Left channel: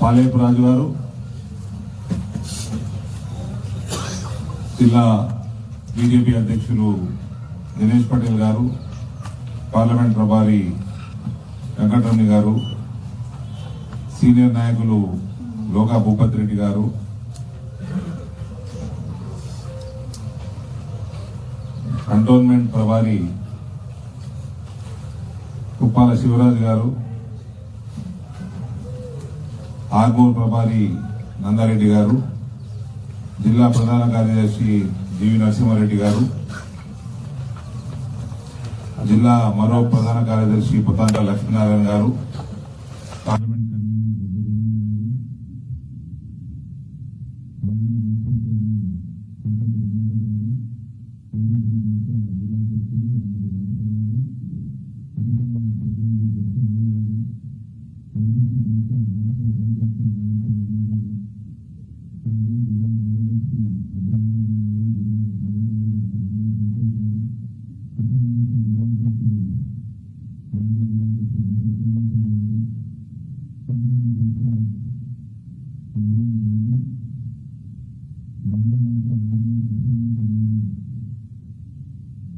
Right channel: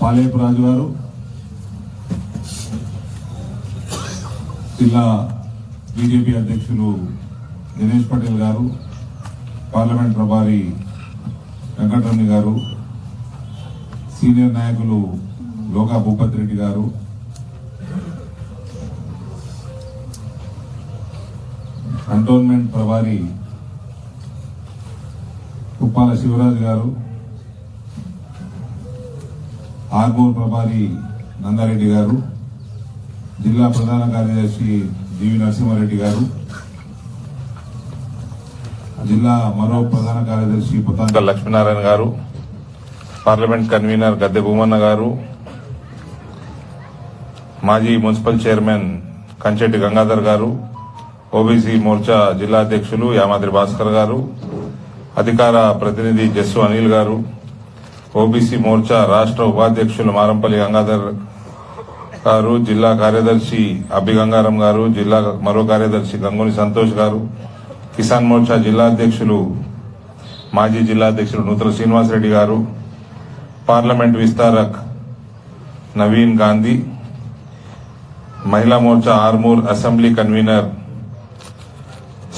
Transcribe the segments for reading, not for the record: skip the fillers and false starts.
పాలేపు రాజు గారు, జిల్లా బీజేపీ అధ్యక్షులు దినేష్ పటేల్ గారు, పార్లమెంట్ ప్రభారి వెంకటరమణ గారు, సీనియర్ నాయకులు లోకా భూపత్ రెడ్డి గారు, కంటోన్మెంట్ ప్రభారి కుప్పాల శివరాజు గారు, ఆర్మూర్ ప్రభారి నందారెడ్డి గారు, జిల్లా ప్రధాన కార్యదర్శి జీవి నరసింహారెడ్డి గారు, జిల్లా మరో ప్రధాన కార్యదర్శి పుతాంక లక్ష్మీనారాయణ గారు, పార్లమెంట్ కన్వీనర్ గద్దె భూమన్న గారు, మాజీ మున్సిపల్ చైర్మన్ కంచెట్టి గంగాధర్ గారు, ఓబీసీ మోర్చా జిల్లా అధ్యక్షులు యామాద్రి భాస్కర్ గారు, అధికార ప్రతినిధి జస్సు అనిల్ గారు, ఓబీసీ మోర్చా రాష్ట్ర ఉపాధ్యక్షులు మారంపల్లి గంగాధర్ గారు, జిల్లా కార్యదర్శి అబ్బి గంగారం గారు, జిల్లా మరో కార్యదర్శి గంగుని సంతోష్ గారు, కిసాన్ మోర్చా జిల్లా అధ్యక్షులు మాజీ జిల్లా అధ్యక్షులు నూతల శ్రీనివాసరెడ్డి గారు, పార్లమెంట్ విస్తారక్ నవీన్ గాంధీ, మహిళా మోర్చా ఆర్మూర్ అసెంబ్లీ కన్వీనర్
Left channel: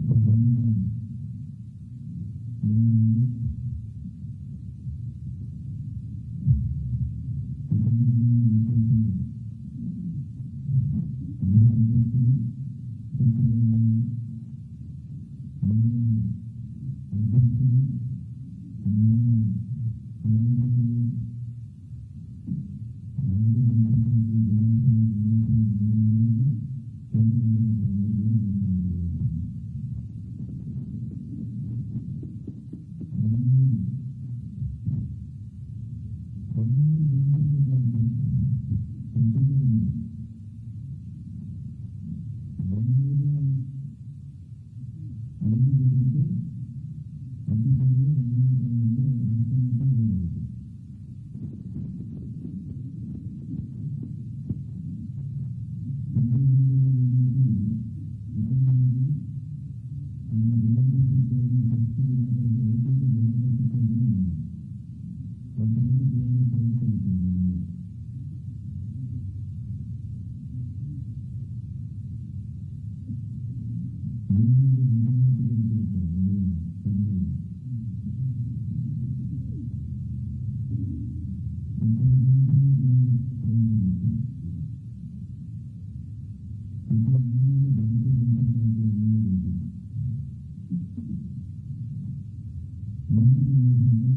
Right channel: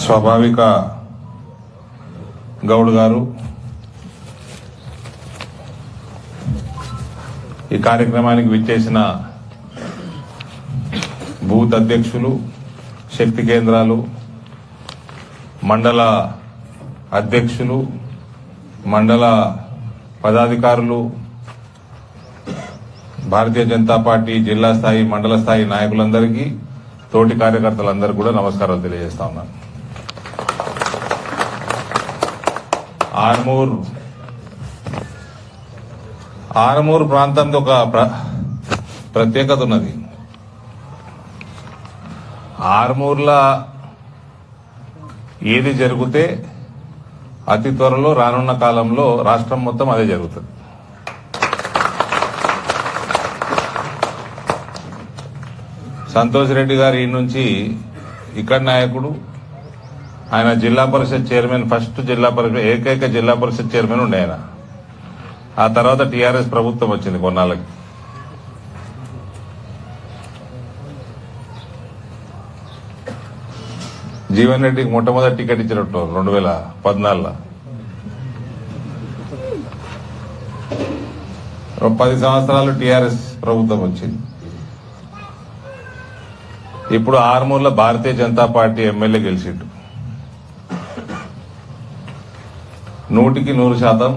స్వాభావిక గౌడ్ గారు, ఈ కార్యక్రమానికి విచ్చేసిన బూత్ అధ్యక్షులు, శక్తి కేంద్రాలు, మండల అధ్యక్షులు, మండల పదాధికారులు, భారతీయ జనతా పార్టీ జిల్లా స్థాయి మండల స్థాయి నాయకులందరికీ, తోటి కార్యకర్తలందరికీ కూడా నమస్కారాలు తెలియజేస్తా ఉన్నాను. ఆర్మూర్ ప్రాంతంలో ఒక ప్రత్యేకత ఉన్నది. ఆర్మూర్లో ఏది జరిగితే అతి త్వరలో రానున్న కాలంలో రాష్ట్రం మొత్తం అదే జరుగుతుంది. సంతోష్ రెడ్డి గారు ఈ నుంచి ఇక్కడ నాయకుడు, ఆయన జిల్లా పరిషత్ చైర్మన్, ఫస్ట్ జిల్లా పరిషత్ ఏకైక జిల్లా పరిషత్ చైర్మన్ ఉండే ఆయన. ఆ తర్వాత టీఆర్ఎస్ ప్రభుత్వం వచ్చింది కొన్నాళ్ళకి. జీవన్ రెడ్డికి మొట్టమొదటి టికెట్ ఇచ్చినట్టు 2014లో. 10 సంవత్సరాలు టీఆర్ఎస్ ప్రభుత్వం వచ్చింది. ఇప్పుడు ఆర్మూర్లో భారతీయ జనతా పార్టీ ఎమ్మెల్యే గెలిచిండు. 100%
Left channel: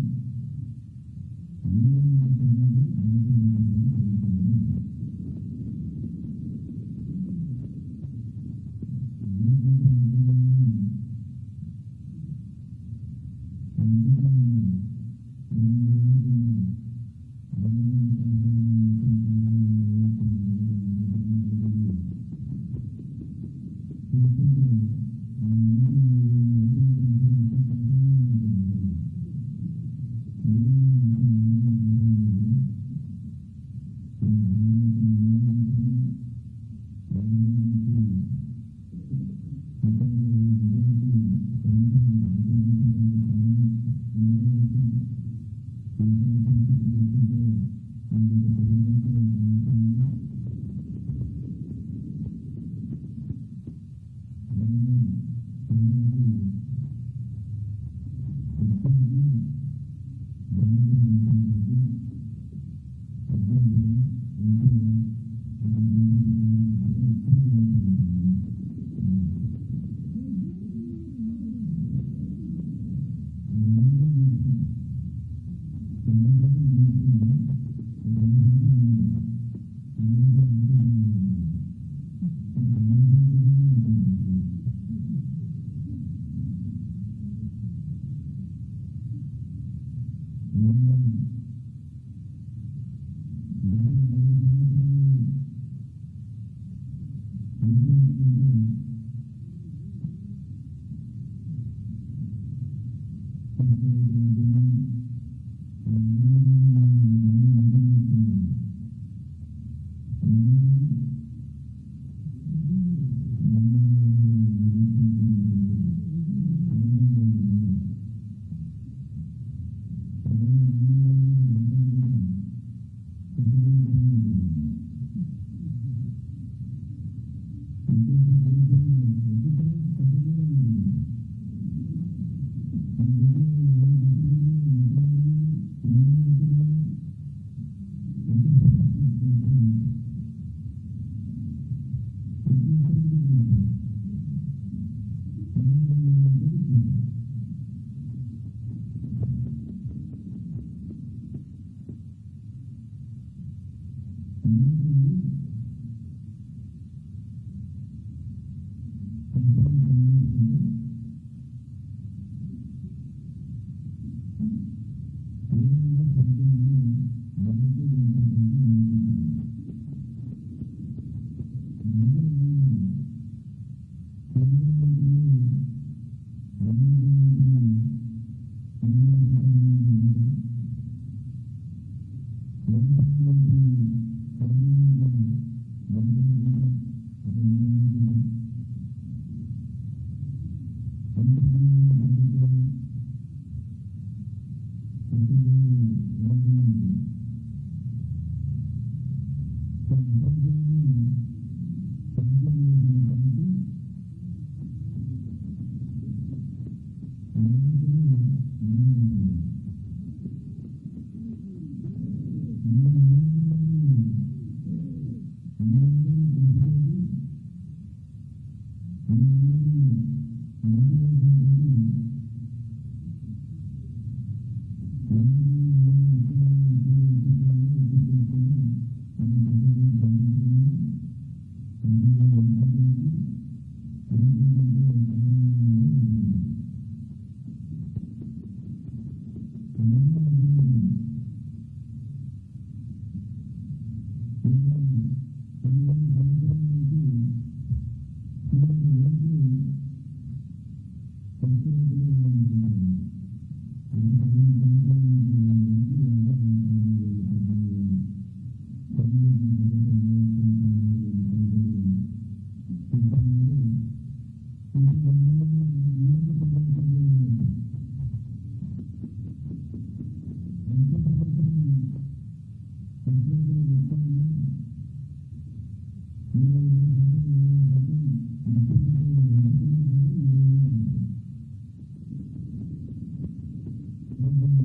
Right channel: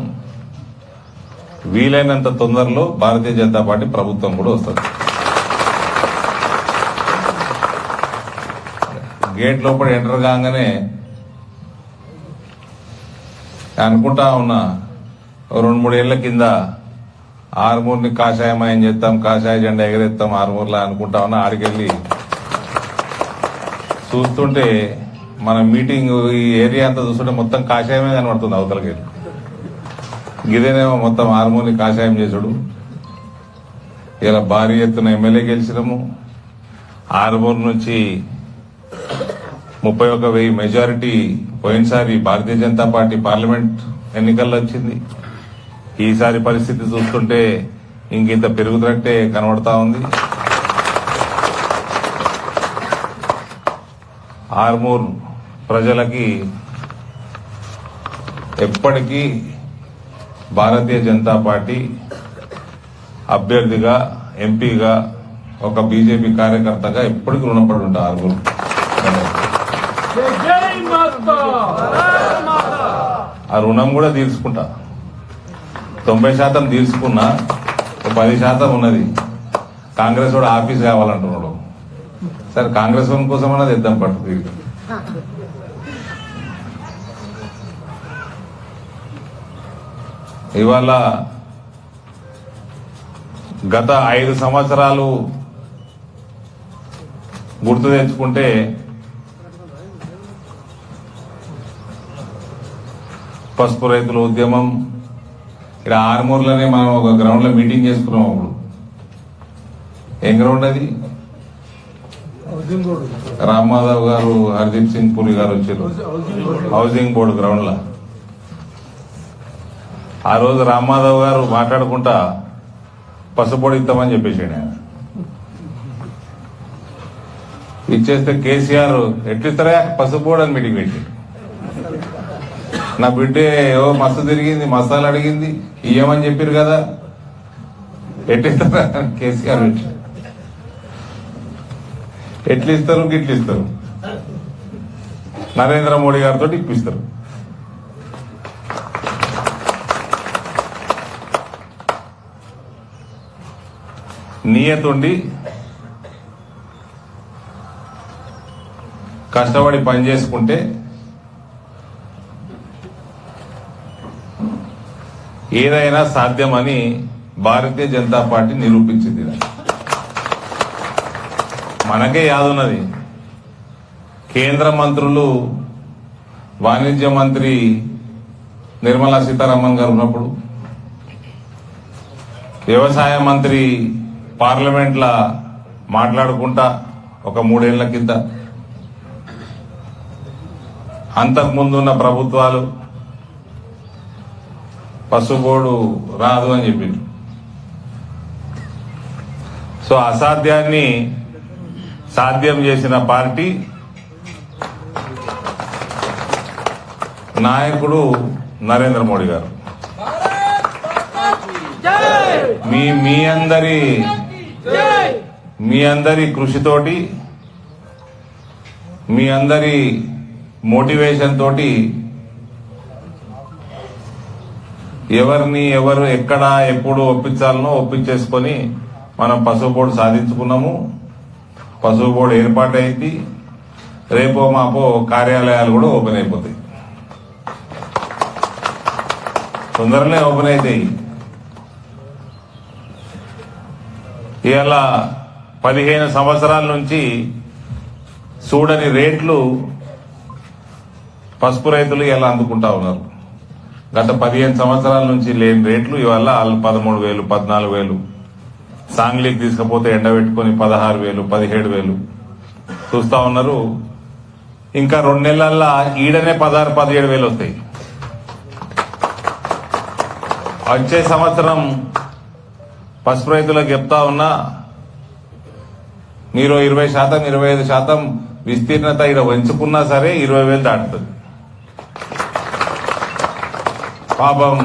వీలైనంత తొందరలో భారతీయ జనతా పార్టీ ప్రభుత్వం కూడా వస్తుంది. గేట్ లోపల ఎంటర్ కాగానే అనుకుంటా ఉన్నా, 2-3 ఏళ్ల కింద ఆర్మూర్ని కాషాయమయం చేస్తాం, కాషాయ జెండా ఎగరేస్తాం ఆర్మూర్లో అనుకుంటా ఉన్నా. ఆడికెళ్ళి చూస్తుంటే మన మీటింగ్ ఈ ఏరియా అంతా చూస్తుంటే మొత్తం కాషాయమే కనబడుతుంది అవతలకి. ఇదేనేమో మొత్తం ఆర్మూర్ని కాషాయం చేసుడు. ఇలా భారీ ఎత్తున ఎమ్మెల్యే గెలిచినాము. ఆర్మూర్ నుంచి 31,000 మెజారిటీ పోయినసారి భారతీయ జనతా పార్టీ పార్లమెంట్ ఎన్నికల్లో వచ్చింది. ఈసారి పరిస్థితి చూస్తుంటే ఇంకింత పెరుగుతున్నట్టే కనబడతా ఉంది. ఆర్మూర్ ప్రజలకి ఎప్పటికీ భారతీయ జనతా పార్టీ అభ్యర్థిగా, ఎంపీగా, ఒక బీజేపీ కార్యకర్తగా ఎప్పటికీ రుణపడి ఉంటా. ఆర్మూర్ ఆ రుణం కూడా తీర్చుకుంటా. 90% తీర్చుకున్నా, 10% ఉన్నది. కాంగ్రెస్ వాడు ఆఫీస్ కావాలంటున్నాడు. సరే, కాంగ్రెస్ వాడి కోసం అన్నది ఇద్దాం పట్టు తిరిగి. ఇవాళ గత 5 సంవత్సరాలు గుర్తు తెచ్చుకుంటే పసుపు రైతుల ఉద్యమం, ఇక్కడ ఆర్మూర్లోనే మనం ఒక గ్రౌండ్ లో మీటింగ్ చేసుకున్నాం. అప్పుడు ఏం గ్రౌండ్ అది? రామ్మాధవ్ గారు, హర్దీప్ సింగ్ పురి గారు వచ్చారు హౌసింగ్ బోర్డు గ్రౌండ్ లో. ఆ రోజు రామ్మాధవ్ గారు మాట్లాడుకుంటా పసుపొడి ఇస్తామని చెప్పేసాడు ఆయన. ఇచ్చేస్తే కేసీఆర్ ఎట్లిస్తారా పసుపొడి అని మీటింగ్ పెట్టాడు. నా బిడ్డే ఏవో మస్తు తిరిగింది, మసాలా అడిగింది, ఇయ్యమని చెప్పారు కదా, ఎట్లిస్తారా కేసీఆర్ ఎట్లిస్తారు గిట్లిస్తారు, నరేంద్ర మోడీ గారితో ఇప్పిస్తారు. నియతుండి కష్టపడి పని చేసుకుంటే ఏదైనా సాధ్యమని భారతీయ జనతా పార్టీ నిరూపించింది. మనకే యాదున్నది, కేంద్ర మంత్రులు వాణిజ్య మంత్రి నిర్మలా సీతారామన్ గారు ఉన్నప్పుడు, వ్యవసాయ మంత్రి పార్లమెంట్లా మాట్లాడుకుంటా ఒక 3 ఏళ్ల కింద, అంతకుముందున్న ప్రభుత్వాలు పసుబోర్డు రాదు అని చెప్పింది. సో అసాధ్యాన్ని సాధ్యం చేసిన పార్టీ నాయకుడు నరేంద్ర మోడీ గారు. మీ అందరి కృషితోటి, మీ అందరి మోటివేషన్ తోటి ఎవరు ఎక్కడ ఎప్పుడు ఒప్పించాలనో ఒప్పించేసుకొని మనం పసుపు బోర్డు సాధించుకున్నాము. పసుపు బోర్డు ఏర్పాటైంది. రేపో మాపో కార్యాలయాలు కూడా ఓపెన్ అయిపోతాయి, తొందరనే ఓపెన్ అవుతాయి. ఇవాళ 15 సంవత్సరాల నుంచి చూడని రేట్లు పసుపు రైతులు ఇలా అందుకుంటా ఉన్నారు. గత 15 సంవత్సరాల నుంచి లేని రేట్లు ఇవాళ 13,000, 14,000, సాంగ్లీకి తీసుకపోతే ఎండబెట్టుకుని 16,000, 17,000 చూస్తా ఉన్నారు. ఇంకా 2 నెలల్లో ఈడనే 16,000, 17,000 వస్తాయి. వచ్చే సంవత్సరం పసుపు రైతులకు చెప్తా ఉన్నా, మీరు 20%, 25% విస్తీర్ణత ఇక్కడ పెంచుకున్నా సరే 20,000 దాటుతుంది. పాపం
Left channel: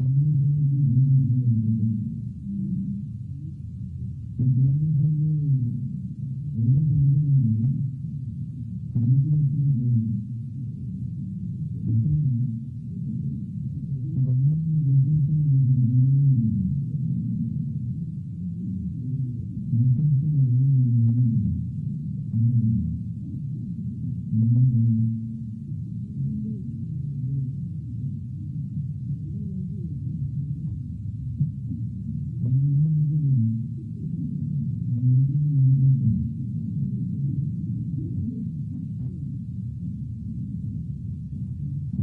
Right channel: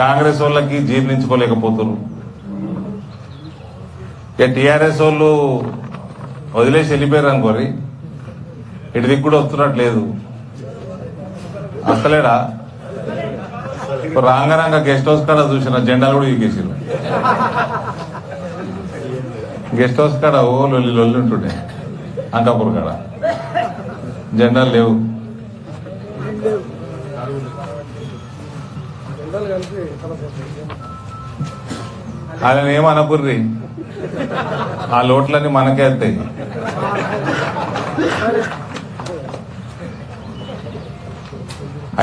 కాంగ్రెస్ వాళ్ళకి జీర్ణించుకోలేకపోతున్నారు. ఇక టీఆర్ఎస్ వాళ్ళు వదిలేసి వెళ్ళిపోయారు అనుకోరి, ఇటు దిక్కు కూడా వస్తున్నట్లేదు. అసలేడా రాంగరంగ గెస్ట్ హౌస్ కాడ చూసిన జెండాలు కూడా ఎక్కేసారు. గెస్ట్ హౌస్ కాడ ఓ లొల్లి ఉంటుండే, అంకాపూర్ కాడ జెండాలు లేవు. ఆయన ఏమనకుర్రి, ఆ లోట్లన్నీ మనకే వెళ్తాయి.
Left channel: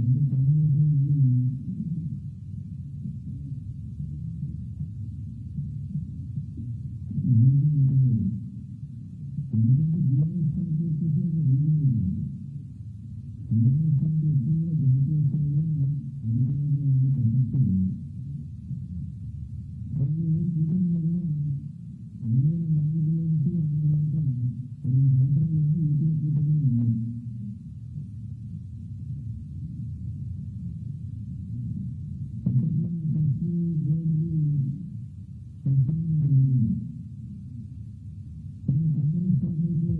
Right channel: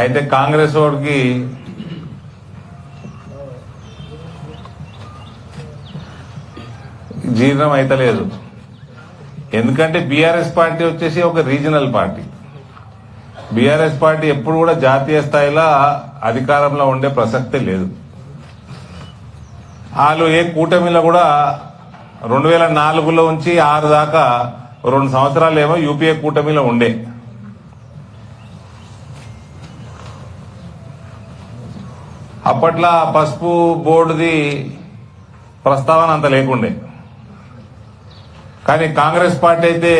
అయితే కాంగ్రెస్ వాడికి జీర్ణం అయితలేదు. ఎందుకంటే బీఆర్ఎస్ పార్టీ వచ్చేసి ఒక రీజనల్ పార్టీ. బీఆర్ఎస్ పార్టీ ఎప్పుడు కూడా జాతీయ స్థాయిలో అధికారంలో ఉండే ప్రసక్తే లేదు. వాళ్ళు ఏ కూటమిలో కూడా 2004లో నుంచి 6 దాకా 2 సంవత్సరాలు ఏమో యూపీఏ కూటమిలో ఉండే. అప్పట్లో పసుపు బోర్డుది ప్రస్తావన అంత లేకుండే. కానీ కాంగ్రెస్ పార్టీ అయితే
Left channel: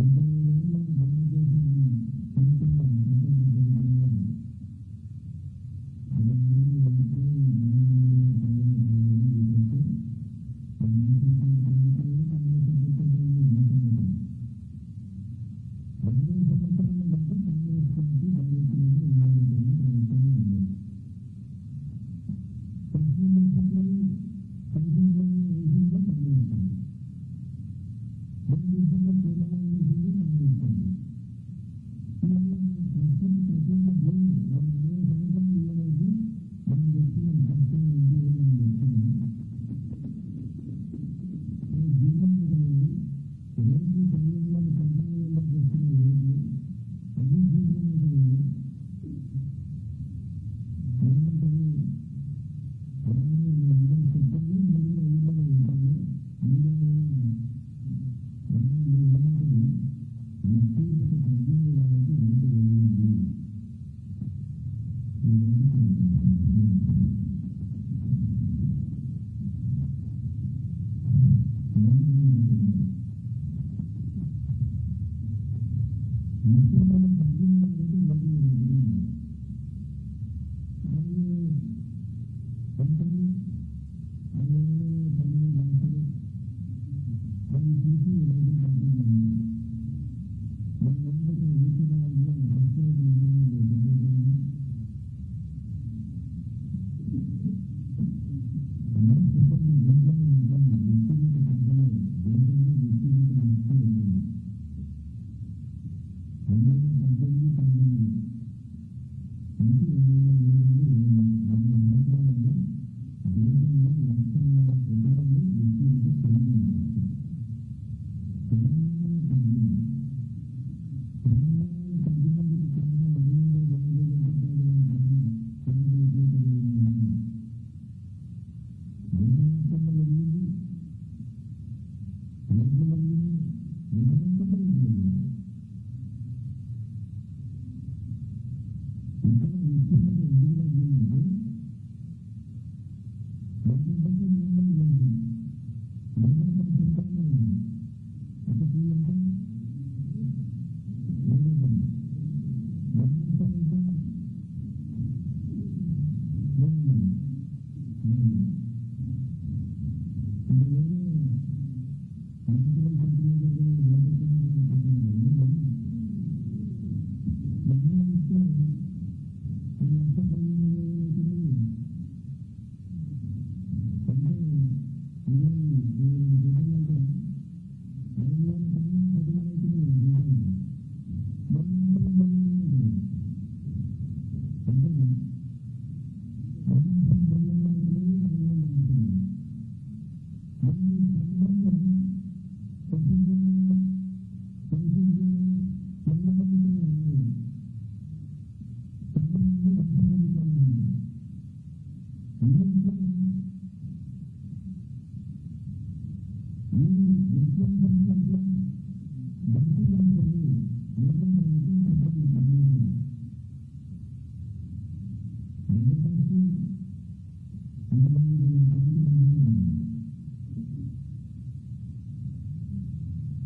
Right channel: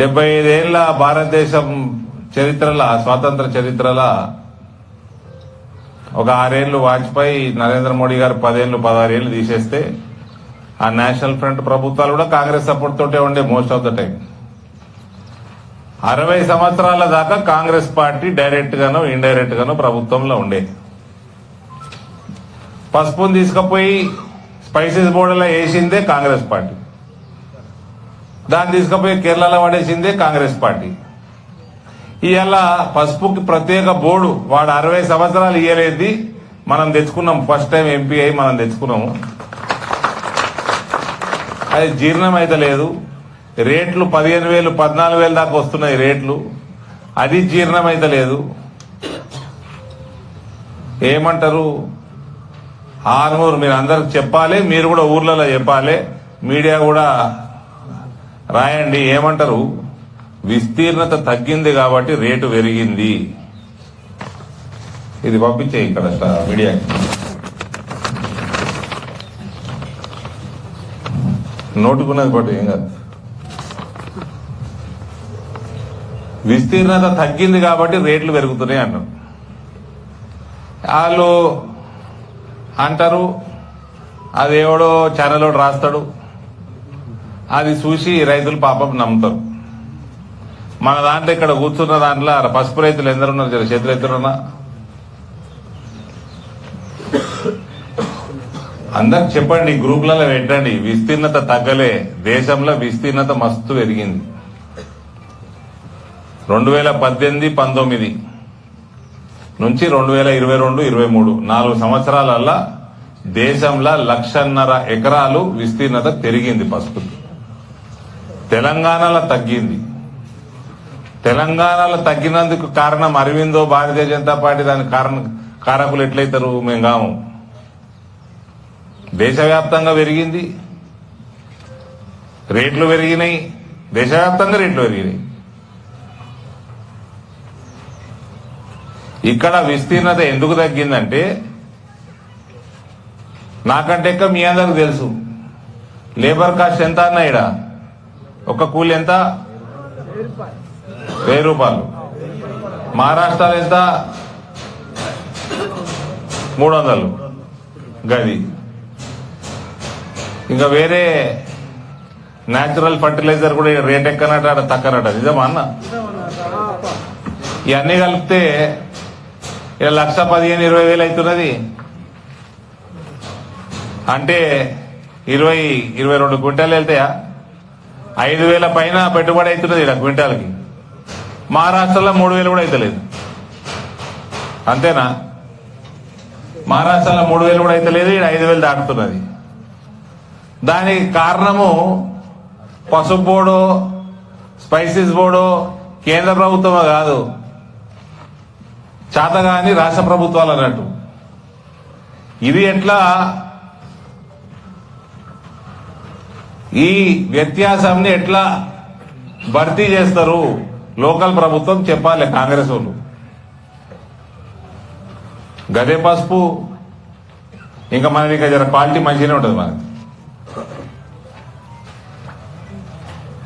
75 ఏళ్ల భారతదేశం చరిత్రల, స్వాతంత్ర చరిత్రల ఒక 6 ఏళ్లు వాజ్పేయి, నరేంద్ర మోడీ గారు 10 ఏళ్లు 16 ఏళ్లు తీసేస్తే ఆ నేషనల్ ఫ్రంట్ ప్రభుత్వాలు కూడా కాంగ్రెస్ సపోర్ట్ తోటే ఉండే మోస్ట్ ఆఫ్ ద టైం. 60 సంవత్సరాల దాకా కాంగ్రెస్ పార్టీ డైరెక్ట్ గానో ఇండైరెక్ట్ గానో ప్రభుత్వంలో ఉండే. పసుపుని తీసుకుపోయి స్పైసెస్ బోర్డులో వేసిందే కాంగ్రెస్ పార్టీ, దాన్ని తీసుకుపోయి కేరళలో పడేసిందే కాంగ్రెస్ పార్టీ. ఇవాళ పసుపుకి ప్రత్యేక బోర్డు వాడు 60 సంవత్సరాలు ఇయ్యలేదు, మనం తెచ్చుకున్నాం. ఫస్ట్ టైం ఎంపీ అయి మనం తెచ్చుకున్నాము. అది జీర్ణం అయితే లేదు. రేట్లు 15,000, 14,000 దాకా వస్తున్నాయి రేట్లు, అది జీర్ణం అయితే లేదు. ఏమంటారు, ఆర్మూర్ మీరు అందరికి చెప్పాలి, మీరు కూడా ఊర్లలో చెప్పాలి, మీడియా కూడా రాయండి. ఏమంటారు? విస్తీర్ణత తగ్గింది కాబట్టి రేటు పెరిగింది. ఇది పంపించే ఇక్కడ మీడియాకి. నోటుకున్నది పట్టు ఏం కాదు. విస్తీర్ణత తగ్గింది కాబట్టి రేట్లు పెరుగుతున్నాయి అన్నారు. వాళ్ళు అంటారు, అదేవడో ఛానల్ రాస్తాడు, అది చూసి రైతులు పాపం నమ్ముతారు. మన దాంట్లో ఇక్కడ కూర్చున్న దాంట్లో పసుపు రైతులు ఎందరున్నారు? జర చేతులు ఎత్తున్నా. అందరికి చెప్పండి, గ్రూపులలో పెట్టండి. విస్తీర్ణత తగ్గలే, దేశంలో విస్తీర్ణత మస్తు పెరిగింది. 2018-19 నుంచి 2022-23 4 సంవత్సరాలల్లా దేశంలో 1,50,000 ఎకరాలు విస్తీర్ణత పెరిగింది పసుపు. తెలంగాణలో తగ్గింది. తెలంగాణలో తగ్గినందుకు కారణం అరవిందో, భారతీయ జనతా పార్టీ దానికి కారకులు ఎట్లయితారు? మేము కాము. దేశవ్యాప్తంగా పెరిగింది, రేట్లు పెరిగినాయి, దేశవ్యాప్తంగా రేట్లు పెరిగినాయి. ఇక్కడ విస్తీర్ణత ఎందుకు తగ్గిందంటే, నాకంటే ఎక్కువ మీ అందరికి తెలుసు లేబర్ కాస్ట్ ఎంత అన్నా. ఇక్కడ ఒక కూలి ఎంత? 1000 రూపాయలు. మహారాష్ట్రలో ఎంత? 300 గది. ఇంకా వేరే న్యాచురల్ ఫర్టిలైజర్ కూడా రేట్ ఎక్కనట, తక్కనట. నిజమా అన్న? ఇవన్నీ కలిపితే 1,15,000-20,000 అవుతున్నది. అంటే 22 క్వింటాలు వెళ్తాయా? 5,000 పైన పెట్టుబడి అవుతున్నది ఇక్కడ క్వింటాల్కి. మహారాష్ట్రలో 3,000 కూడా అవుతలేదు. అంతేనా? మహారాష్ట్రలో 3,000 కూడా అవుతలేదు, ఇక్కడ 5,000 దాటుతున్నది. దానికి కారణము పసుపు బోర్డు, స్పైసెస్ బోర్డు కేంద్ర ప్రభుత్వమే కాదు, చేతగాని రాష్ట్ర ప్రభుత్వాలు అన్నట్టు. ఇది ఎట్లా ఈ వ్యత్యాసాన్ని ఎట్లా భర్తీ చేస్తారు? లోకల్ ప్రభుత్వం చెప్పాలి, కాంగ్రెస్ వాళ్ళు. గదే పసుపు ఇంకా మనది ఇంకా జర క్వాలిటీ మంచిగానే ఉంటుంది మనది.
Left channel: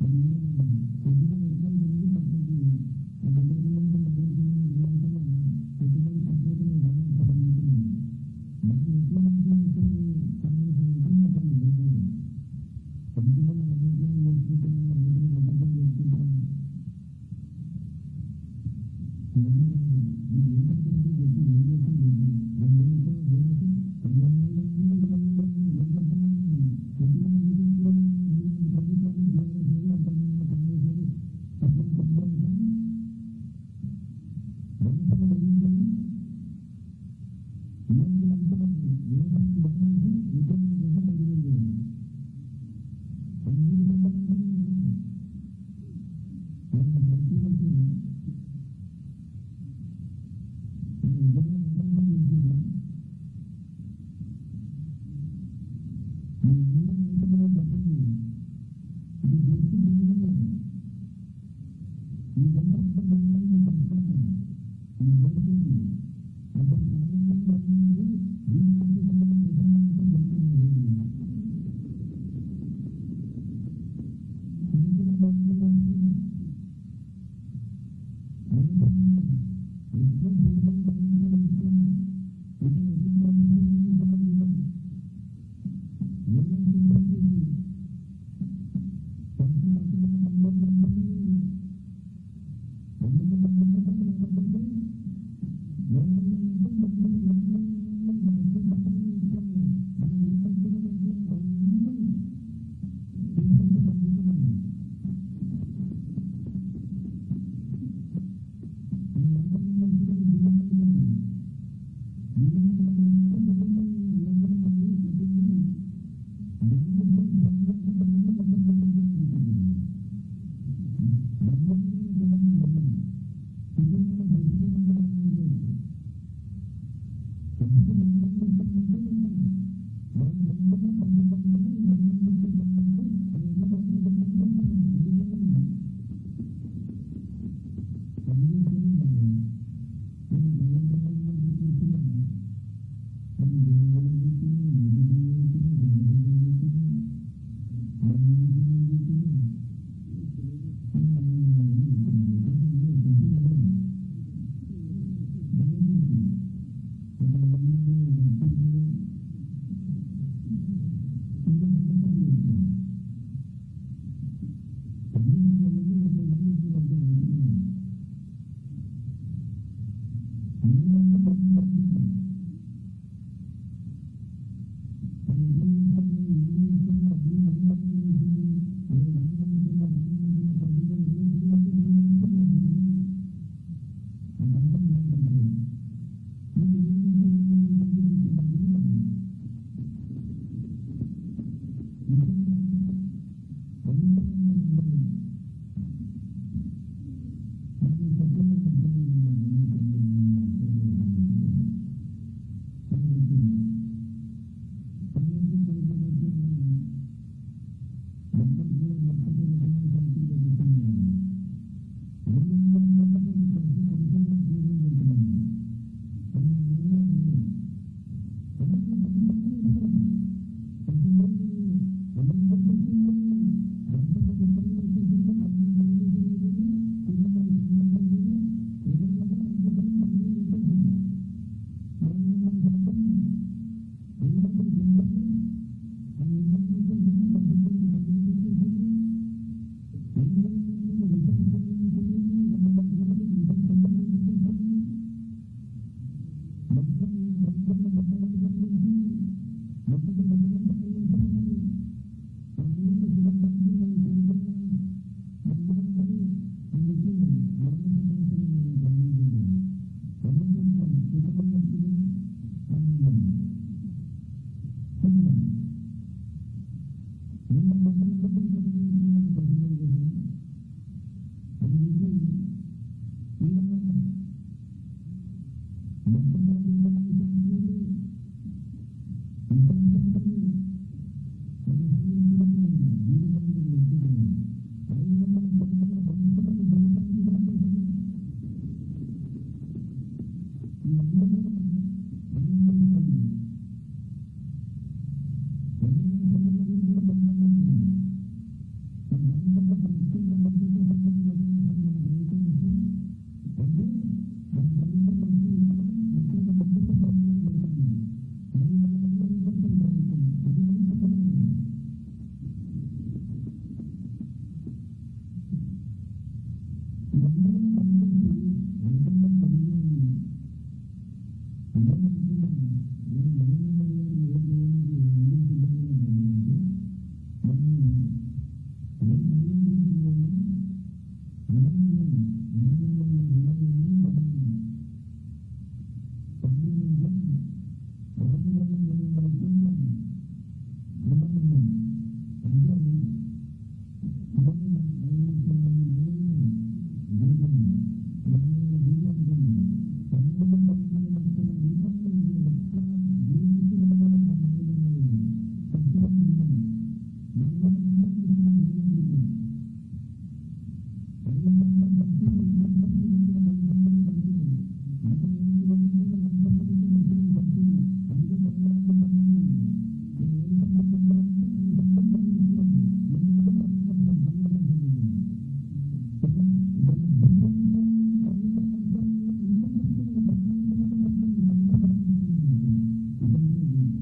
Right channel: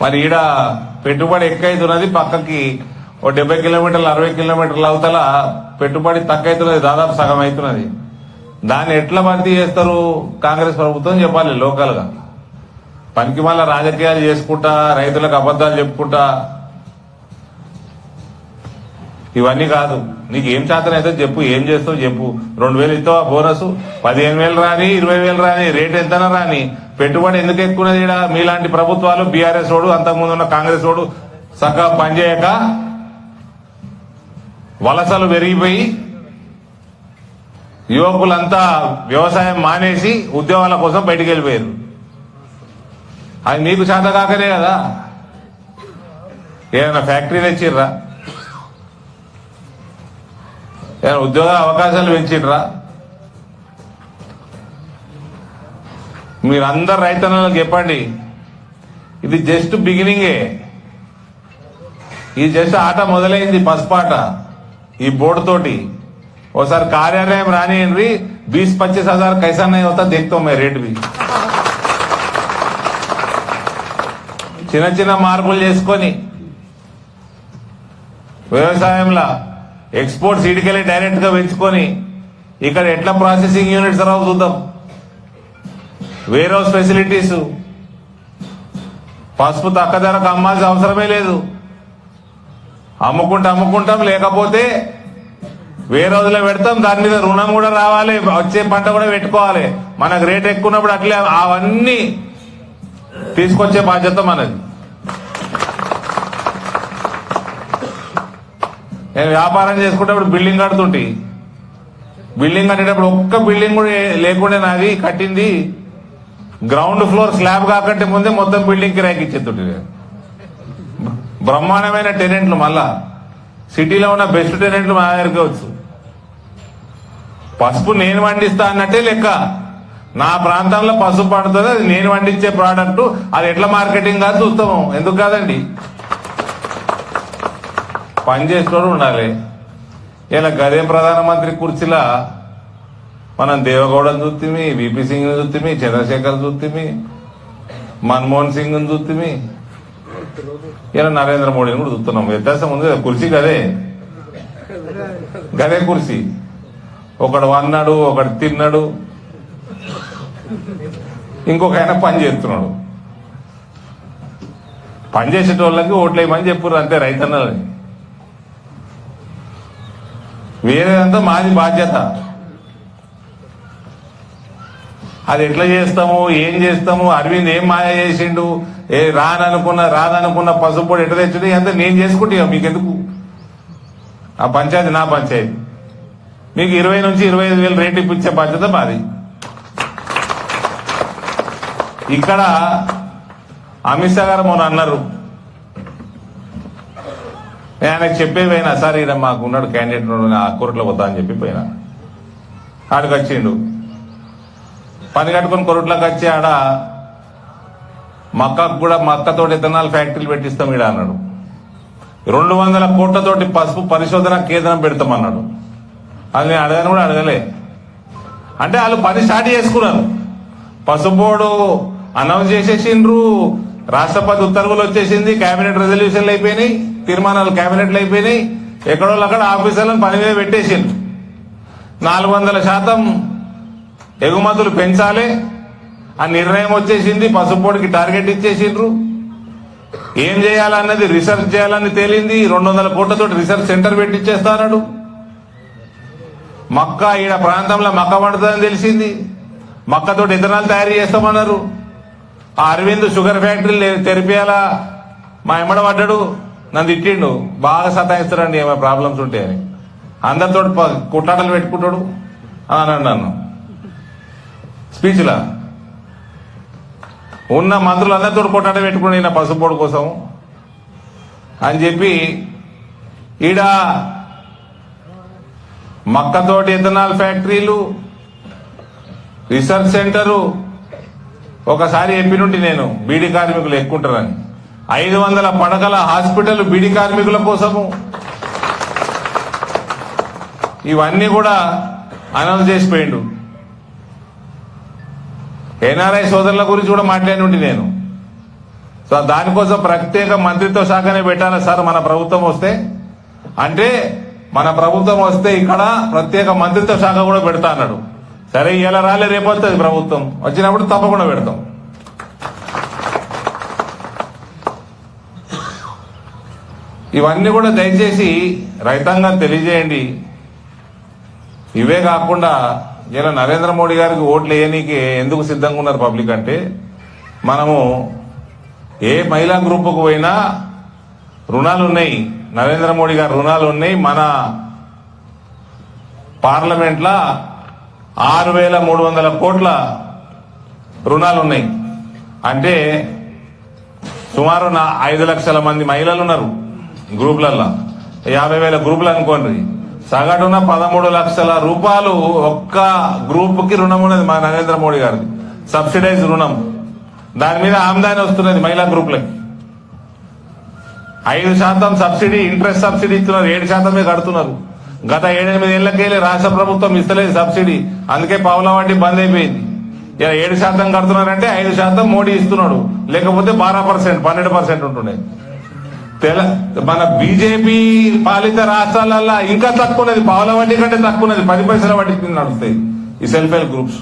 మరి ఈడ పెట్టుబడి ఎక్కువైతున్నది, పక్కకి 70 కిలోమీటర్లు 60 కిలోమీటర్ల అవతల పెట్టుబడి తక్కువైతున్నది, దాదాపు సగం అవుతున్నది. దాన్ని ఎట్లా భర్తీ చేస్తారు కాంగ్రెస్ ప్రభుత్వం చెప్పాలి లోకల్ గా. పనికి మళ్ళా రాజకీయాలు చేసుకుంటా, రైతులకు అబద్దాలు చెప్పుకుంటా ఇవన్నీ కాదు. నీకు ఏం చేతనైతే చెప్పు, ఏం చేస్తావు చెప్పు. 2,000 ఇస్తావా బోనస్? 15,000 రాని, 20,000 రాని, రేట్ ఎంతనా రాని, పెట్టుబడి ఎందుకు ఎక్కున్నది? ఇక్కడ మీలాంటి ప్రభుత్వాలు, బీఆర్ఎస్ వాడు, అంతకుముందు ఉన్న కాంగ్రెస్ వాడు చక్కగా పనిచేయక వలసలు పెరిగిపోయి యువకులంతా వ్యవసాయం మానేసి ఉద్యోగాల కోసం బయటికి వెళ్ళిపోయారు. అది మీకు చేత కాకనే కదా. ఏదైనా ఫ్యాక్టరీ తెచ్చిర్రా? ఏదైనా ఉద్యోగ అవకాశాలు పెంచిర్రా? మీరందరు రైతన్నలకు చెప్పండి, ఇది జస్ట్ బిగినింగే. ఇది జస్ట్ ఆట మొదలైంది, పసుపాట. ఈ బోర్డు తోటి ఒకసారి కార్యాలయం రానియండి, 20-25 हजार कैसा नहीं होता देखता हूं मैं रेट भी. చిన్న చిన్న మార్పులు చేసుకొని వ్యవసాయంలో ఎక్స్పోర్ట్ సీడ్కెళ్ళి డైరెక్ట్ గా పెంచుకొని ఇక్కడ ఎట్లా ప్రాసెసింగ్ యూనిట్స్ రావు చూద్దాం. వేర్ హౌస్ ఫెసిలిటీస్, పసుపు తక్కువ ధరకు అమ్మాల్సిన అవసరమే లేదు. అమ్ముకుంటాం, లేకపోతే వేరే రోజులో పెడతాం, దాని మీద రుణం కూడా రావాలి, వచ్చే పంట కూడా పెట్టుకోవాలి. మనకు రేట్ ఎక్కువ ఉన్నప్పుడు అట్లే అవన్నీ తీసుకొచ్చే బాధ్యత మనది. నేను వ్యాపారం చేసుకుంటప్పుడు బిల్డింగ్ కడుతుంటే, బిల్డింగ్ కట్టేటప్పుడు ఒక్క బిల్డింగ్ కూడా లేకుండా నాది కట్టింది గ్రౌండ్ ఫ్లోర్ స్లాబ్ కాకంటే ముందే మొత్తం బిల్డింగ్ కిరాయికి ఇచ్చేస్తుంటే. బ్రహ్మాండమైన టెనెంట్లు, మళ్ళా సిటీలో ఉన్న బెస్ట్ టెనెంట్లు మా దగ్గరికి వచ్చు. పసుపు నేను పండిస్తా అన్నట్టే లెక్క. నా ప్రాంతంలో పసుపు పండుతుంది, అది నేను పండించే ప్రోడక్ట్, అది ఎట్లా మార్కెటింగ్ కాదు చూస్తాము. ఎందుకు కాదండి, పనిచేసేటోడు ఉండాలి. ఇలా గదే ప్రధానమంత్రి కుర్చీలా మనం దేవగౌడని చూస్తేమి, విపి సింగ్ చూస్తేమి, చంద్రశేఖర్ చూస్తేమి, మన్మోహన్ సింగ్ చూస్తేమి, ఇలా నరేంద్ర మోడీని కూడా చూస్తున్నాం. వ్యత్యాసం ఉంది కదా, కుర్చీ గదే కుర్చీ. ఒకడు వన్నాడు, ఒకడు తిన్నాడు, ఇంకొక ఆయన పని చేస్తున్నాడు. పని చేసేటోళ్ళకి ఓట్లేయమని చెప్పుర్రు అంతే రైతన్నలని. వేరేదంతా మాది బాధ్యత. అది ఎట్లా చేస్తాము, ఏం చేస్తాము, అరవింద్ ఏం మాయ చేసిండు, రాదనుకున్న పసుపు ఎట్లా తెచ్చుడు, అంతా నేను చేసుకుంటా. మీకెందుకు? ఆ పంచాయతీ నా పంచాయతీ. మీకు 20 నుంచి 25,000 రేటు ఇప్పించే బాధ్యత మాది. ఇక్కడ అమిత్ షా గారు మొన్న అన్నారు, నేను ఆయనకు చెప్పేపోయినా, సార్ ఈయన మాకు ఉన్నాడు క్యాండిడేట్ ఆ కోర్టులో పోతా అని చెప్పి పోయినా. ఆడికి వచ్చిండు, పని కట్టుకుని కొరట్లోకి వచ్చి ఆడ మక్కకు కూడా మక్కతోటి ఇథనాల్ ఫ్యాక్టరీలు పెట్టిస్తాం ఈడ అన్నాడు. 200 కోట్లతోటి పసుపు పరిశోధన కేంద్రం పెడతామన్నాడు. అది నేను అడగను కూడా అడగలే. అంటే వాళ్ళు పని స్టార్ట్ చేసుకున్నారు. పసుపు బోర్డు అనౌన్స్ చేసేసిండ్రు, రాష్ట్రపతి ఉత్తర్వులు వచ్చేసింది, కేబినెట్ రెజల్యూషన్లు అయిపోయినాయి, తీర్మానాలు కేబినెట్లు అయిపోయినాయి, ఎక్కడో అక్కడ ఆఫీసర్లను పని మీద పెట్టేసిండ్రు. 400% ఎగుమతులు పెంచాలి ఆ నిర్ణయం వచ్చేసింది. పసుపు బోర్డుకి టార్గెట్ ఇచ్చేసిండ్రు. ఏం చేయాలన్నది రీసెర్చ్ చేయాలని తేలింది. 200 కోట్లతో రీసెర్చ్ సెంటర్ పెట్టిచ్చేస్తాడు. మక్క ఈడ ప్రాంతంలో మక్క పండుతుందని తెలిసింది. మక్కతోటి ఇథనాల్ తయారు చేస్తామన్నారు. ఆ అరవింద్ షుగర్ ఫ్యాక్టరీలు తెరిపేయాలా మా ఎమ్మడ పడ్డాడు, నన్ను తిట్టిండు, బాగా సతాయిస్తాడండి ఏమైనా ప్రాబ్లమ్స్ ఉంటే అని. అందరితో కుట్టాటలు పెట్టుకుంటాడు అని అన్నాడు నన్ను స్పీచ్లా. ఉన్న మంత్రులు అందరితో కొట్టాట పెట్టుకుని ఈయన పసుపోడు కోసం అని చెప్పి ఈడ మక్కతోటి ఇథనాల్ ఫ్యాక్టరీలు, రీసెర్చ్ సెంటరు. ఒకసారి చెప్పినుండి నేను, బీడీ కార్మికులు ఎక్కుంటారని. 500 పడకల హాస్పిటల్ బీడీ కార్మికుల కోసము. ఇవన్నీ కూడా అనౌన్స్ చేసిపోయిండు. ఎన్ఆర్ఐ సోదరుల గురించి కూడా మాట్లాడినుండి నేను. సో దానికోసం ప్రత్యేక మంత్రిత్వ శాఖనే పెట్టాలి సార్ మన ప్రభుత్వం వస్తే. అంటే మన ప్రభుత్వం వస్తే ఇక్కడ ప్రత్యేక మంత్రిత్వ శాఖ కూడా పెడతా అన్నాడు. సరే ఇలా రాలే, రేపు వస్తుంది ప్రభుత్వం, వచ్చినప్పుడు తప్పకుండా పెడతాం. ఇవన్నీ కూడా దయచేసి రైతాంగం తెలియజేయండి. ఇవే కాకుండా ఇలా నరేంద్ర మోడీ గారికి ఓట్లు వేయనీకి ఎందుకు సిద్ధంగా ఉన్నారు పబ్లిక్ అంటే, మనము ఏ మహిళా గ్రూపుకు పోయినా రుణాలు ఉన్నాయి, నరేంద్ర మోడీ గారి రుణాలు ఉన్నాయి. మన పార్లమెంట్లో 6,300 కోట్ల రుణాలు ఉన్నాయి. అంటే సుమారు 5 లక్షల మంది మహిళలు ఉన్నారు గ్రూపులలో. 50,000 గ్రూపులు అనుకోండి, సగటున 13 లక్షల రూపాయలు ఒక్క గ్రూప్ కి రుణం ఉన్నది మా నరేంద్ర మోడీ గారిది, సబ్సిడైజ్ రుణం. దాని మీద ఆమ్దాని వస్తున్నది మహిళా గ్రూపులకి. 5% సబ్సిడీ, ఇంట్రెస్ట్ సబ్సిడీ ఇస్తున్నారు, 7% కడుతున్నారు. గత 7-8 ఏళ్లకెళ్ళి రాష్ట్ర ప్రభుత్వం ఇస్తలేదు సబ్సిడీ, అందుకే పావుల వడ్డీ బంద్ అయిపోయింది. ఇలా 7% కడుతున్నారంటే 5% మోడీ ఇస్తున్నాడు, లేకపోతే 12%, 12% ఉంటుండే. మన బీజేపీ పాలిత రాష్ట్రాలల్లో ఇంకా తక్కువది, పావుల వడ్డీ కంటే తక్కువది, 10 పైసల వడ్డీ కింద నడుస్తాయి ఈ సెల్ఫ్ హెల్ప్ గ్రూప్స్.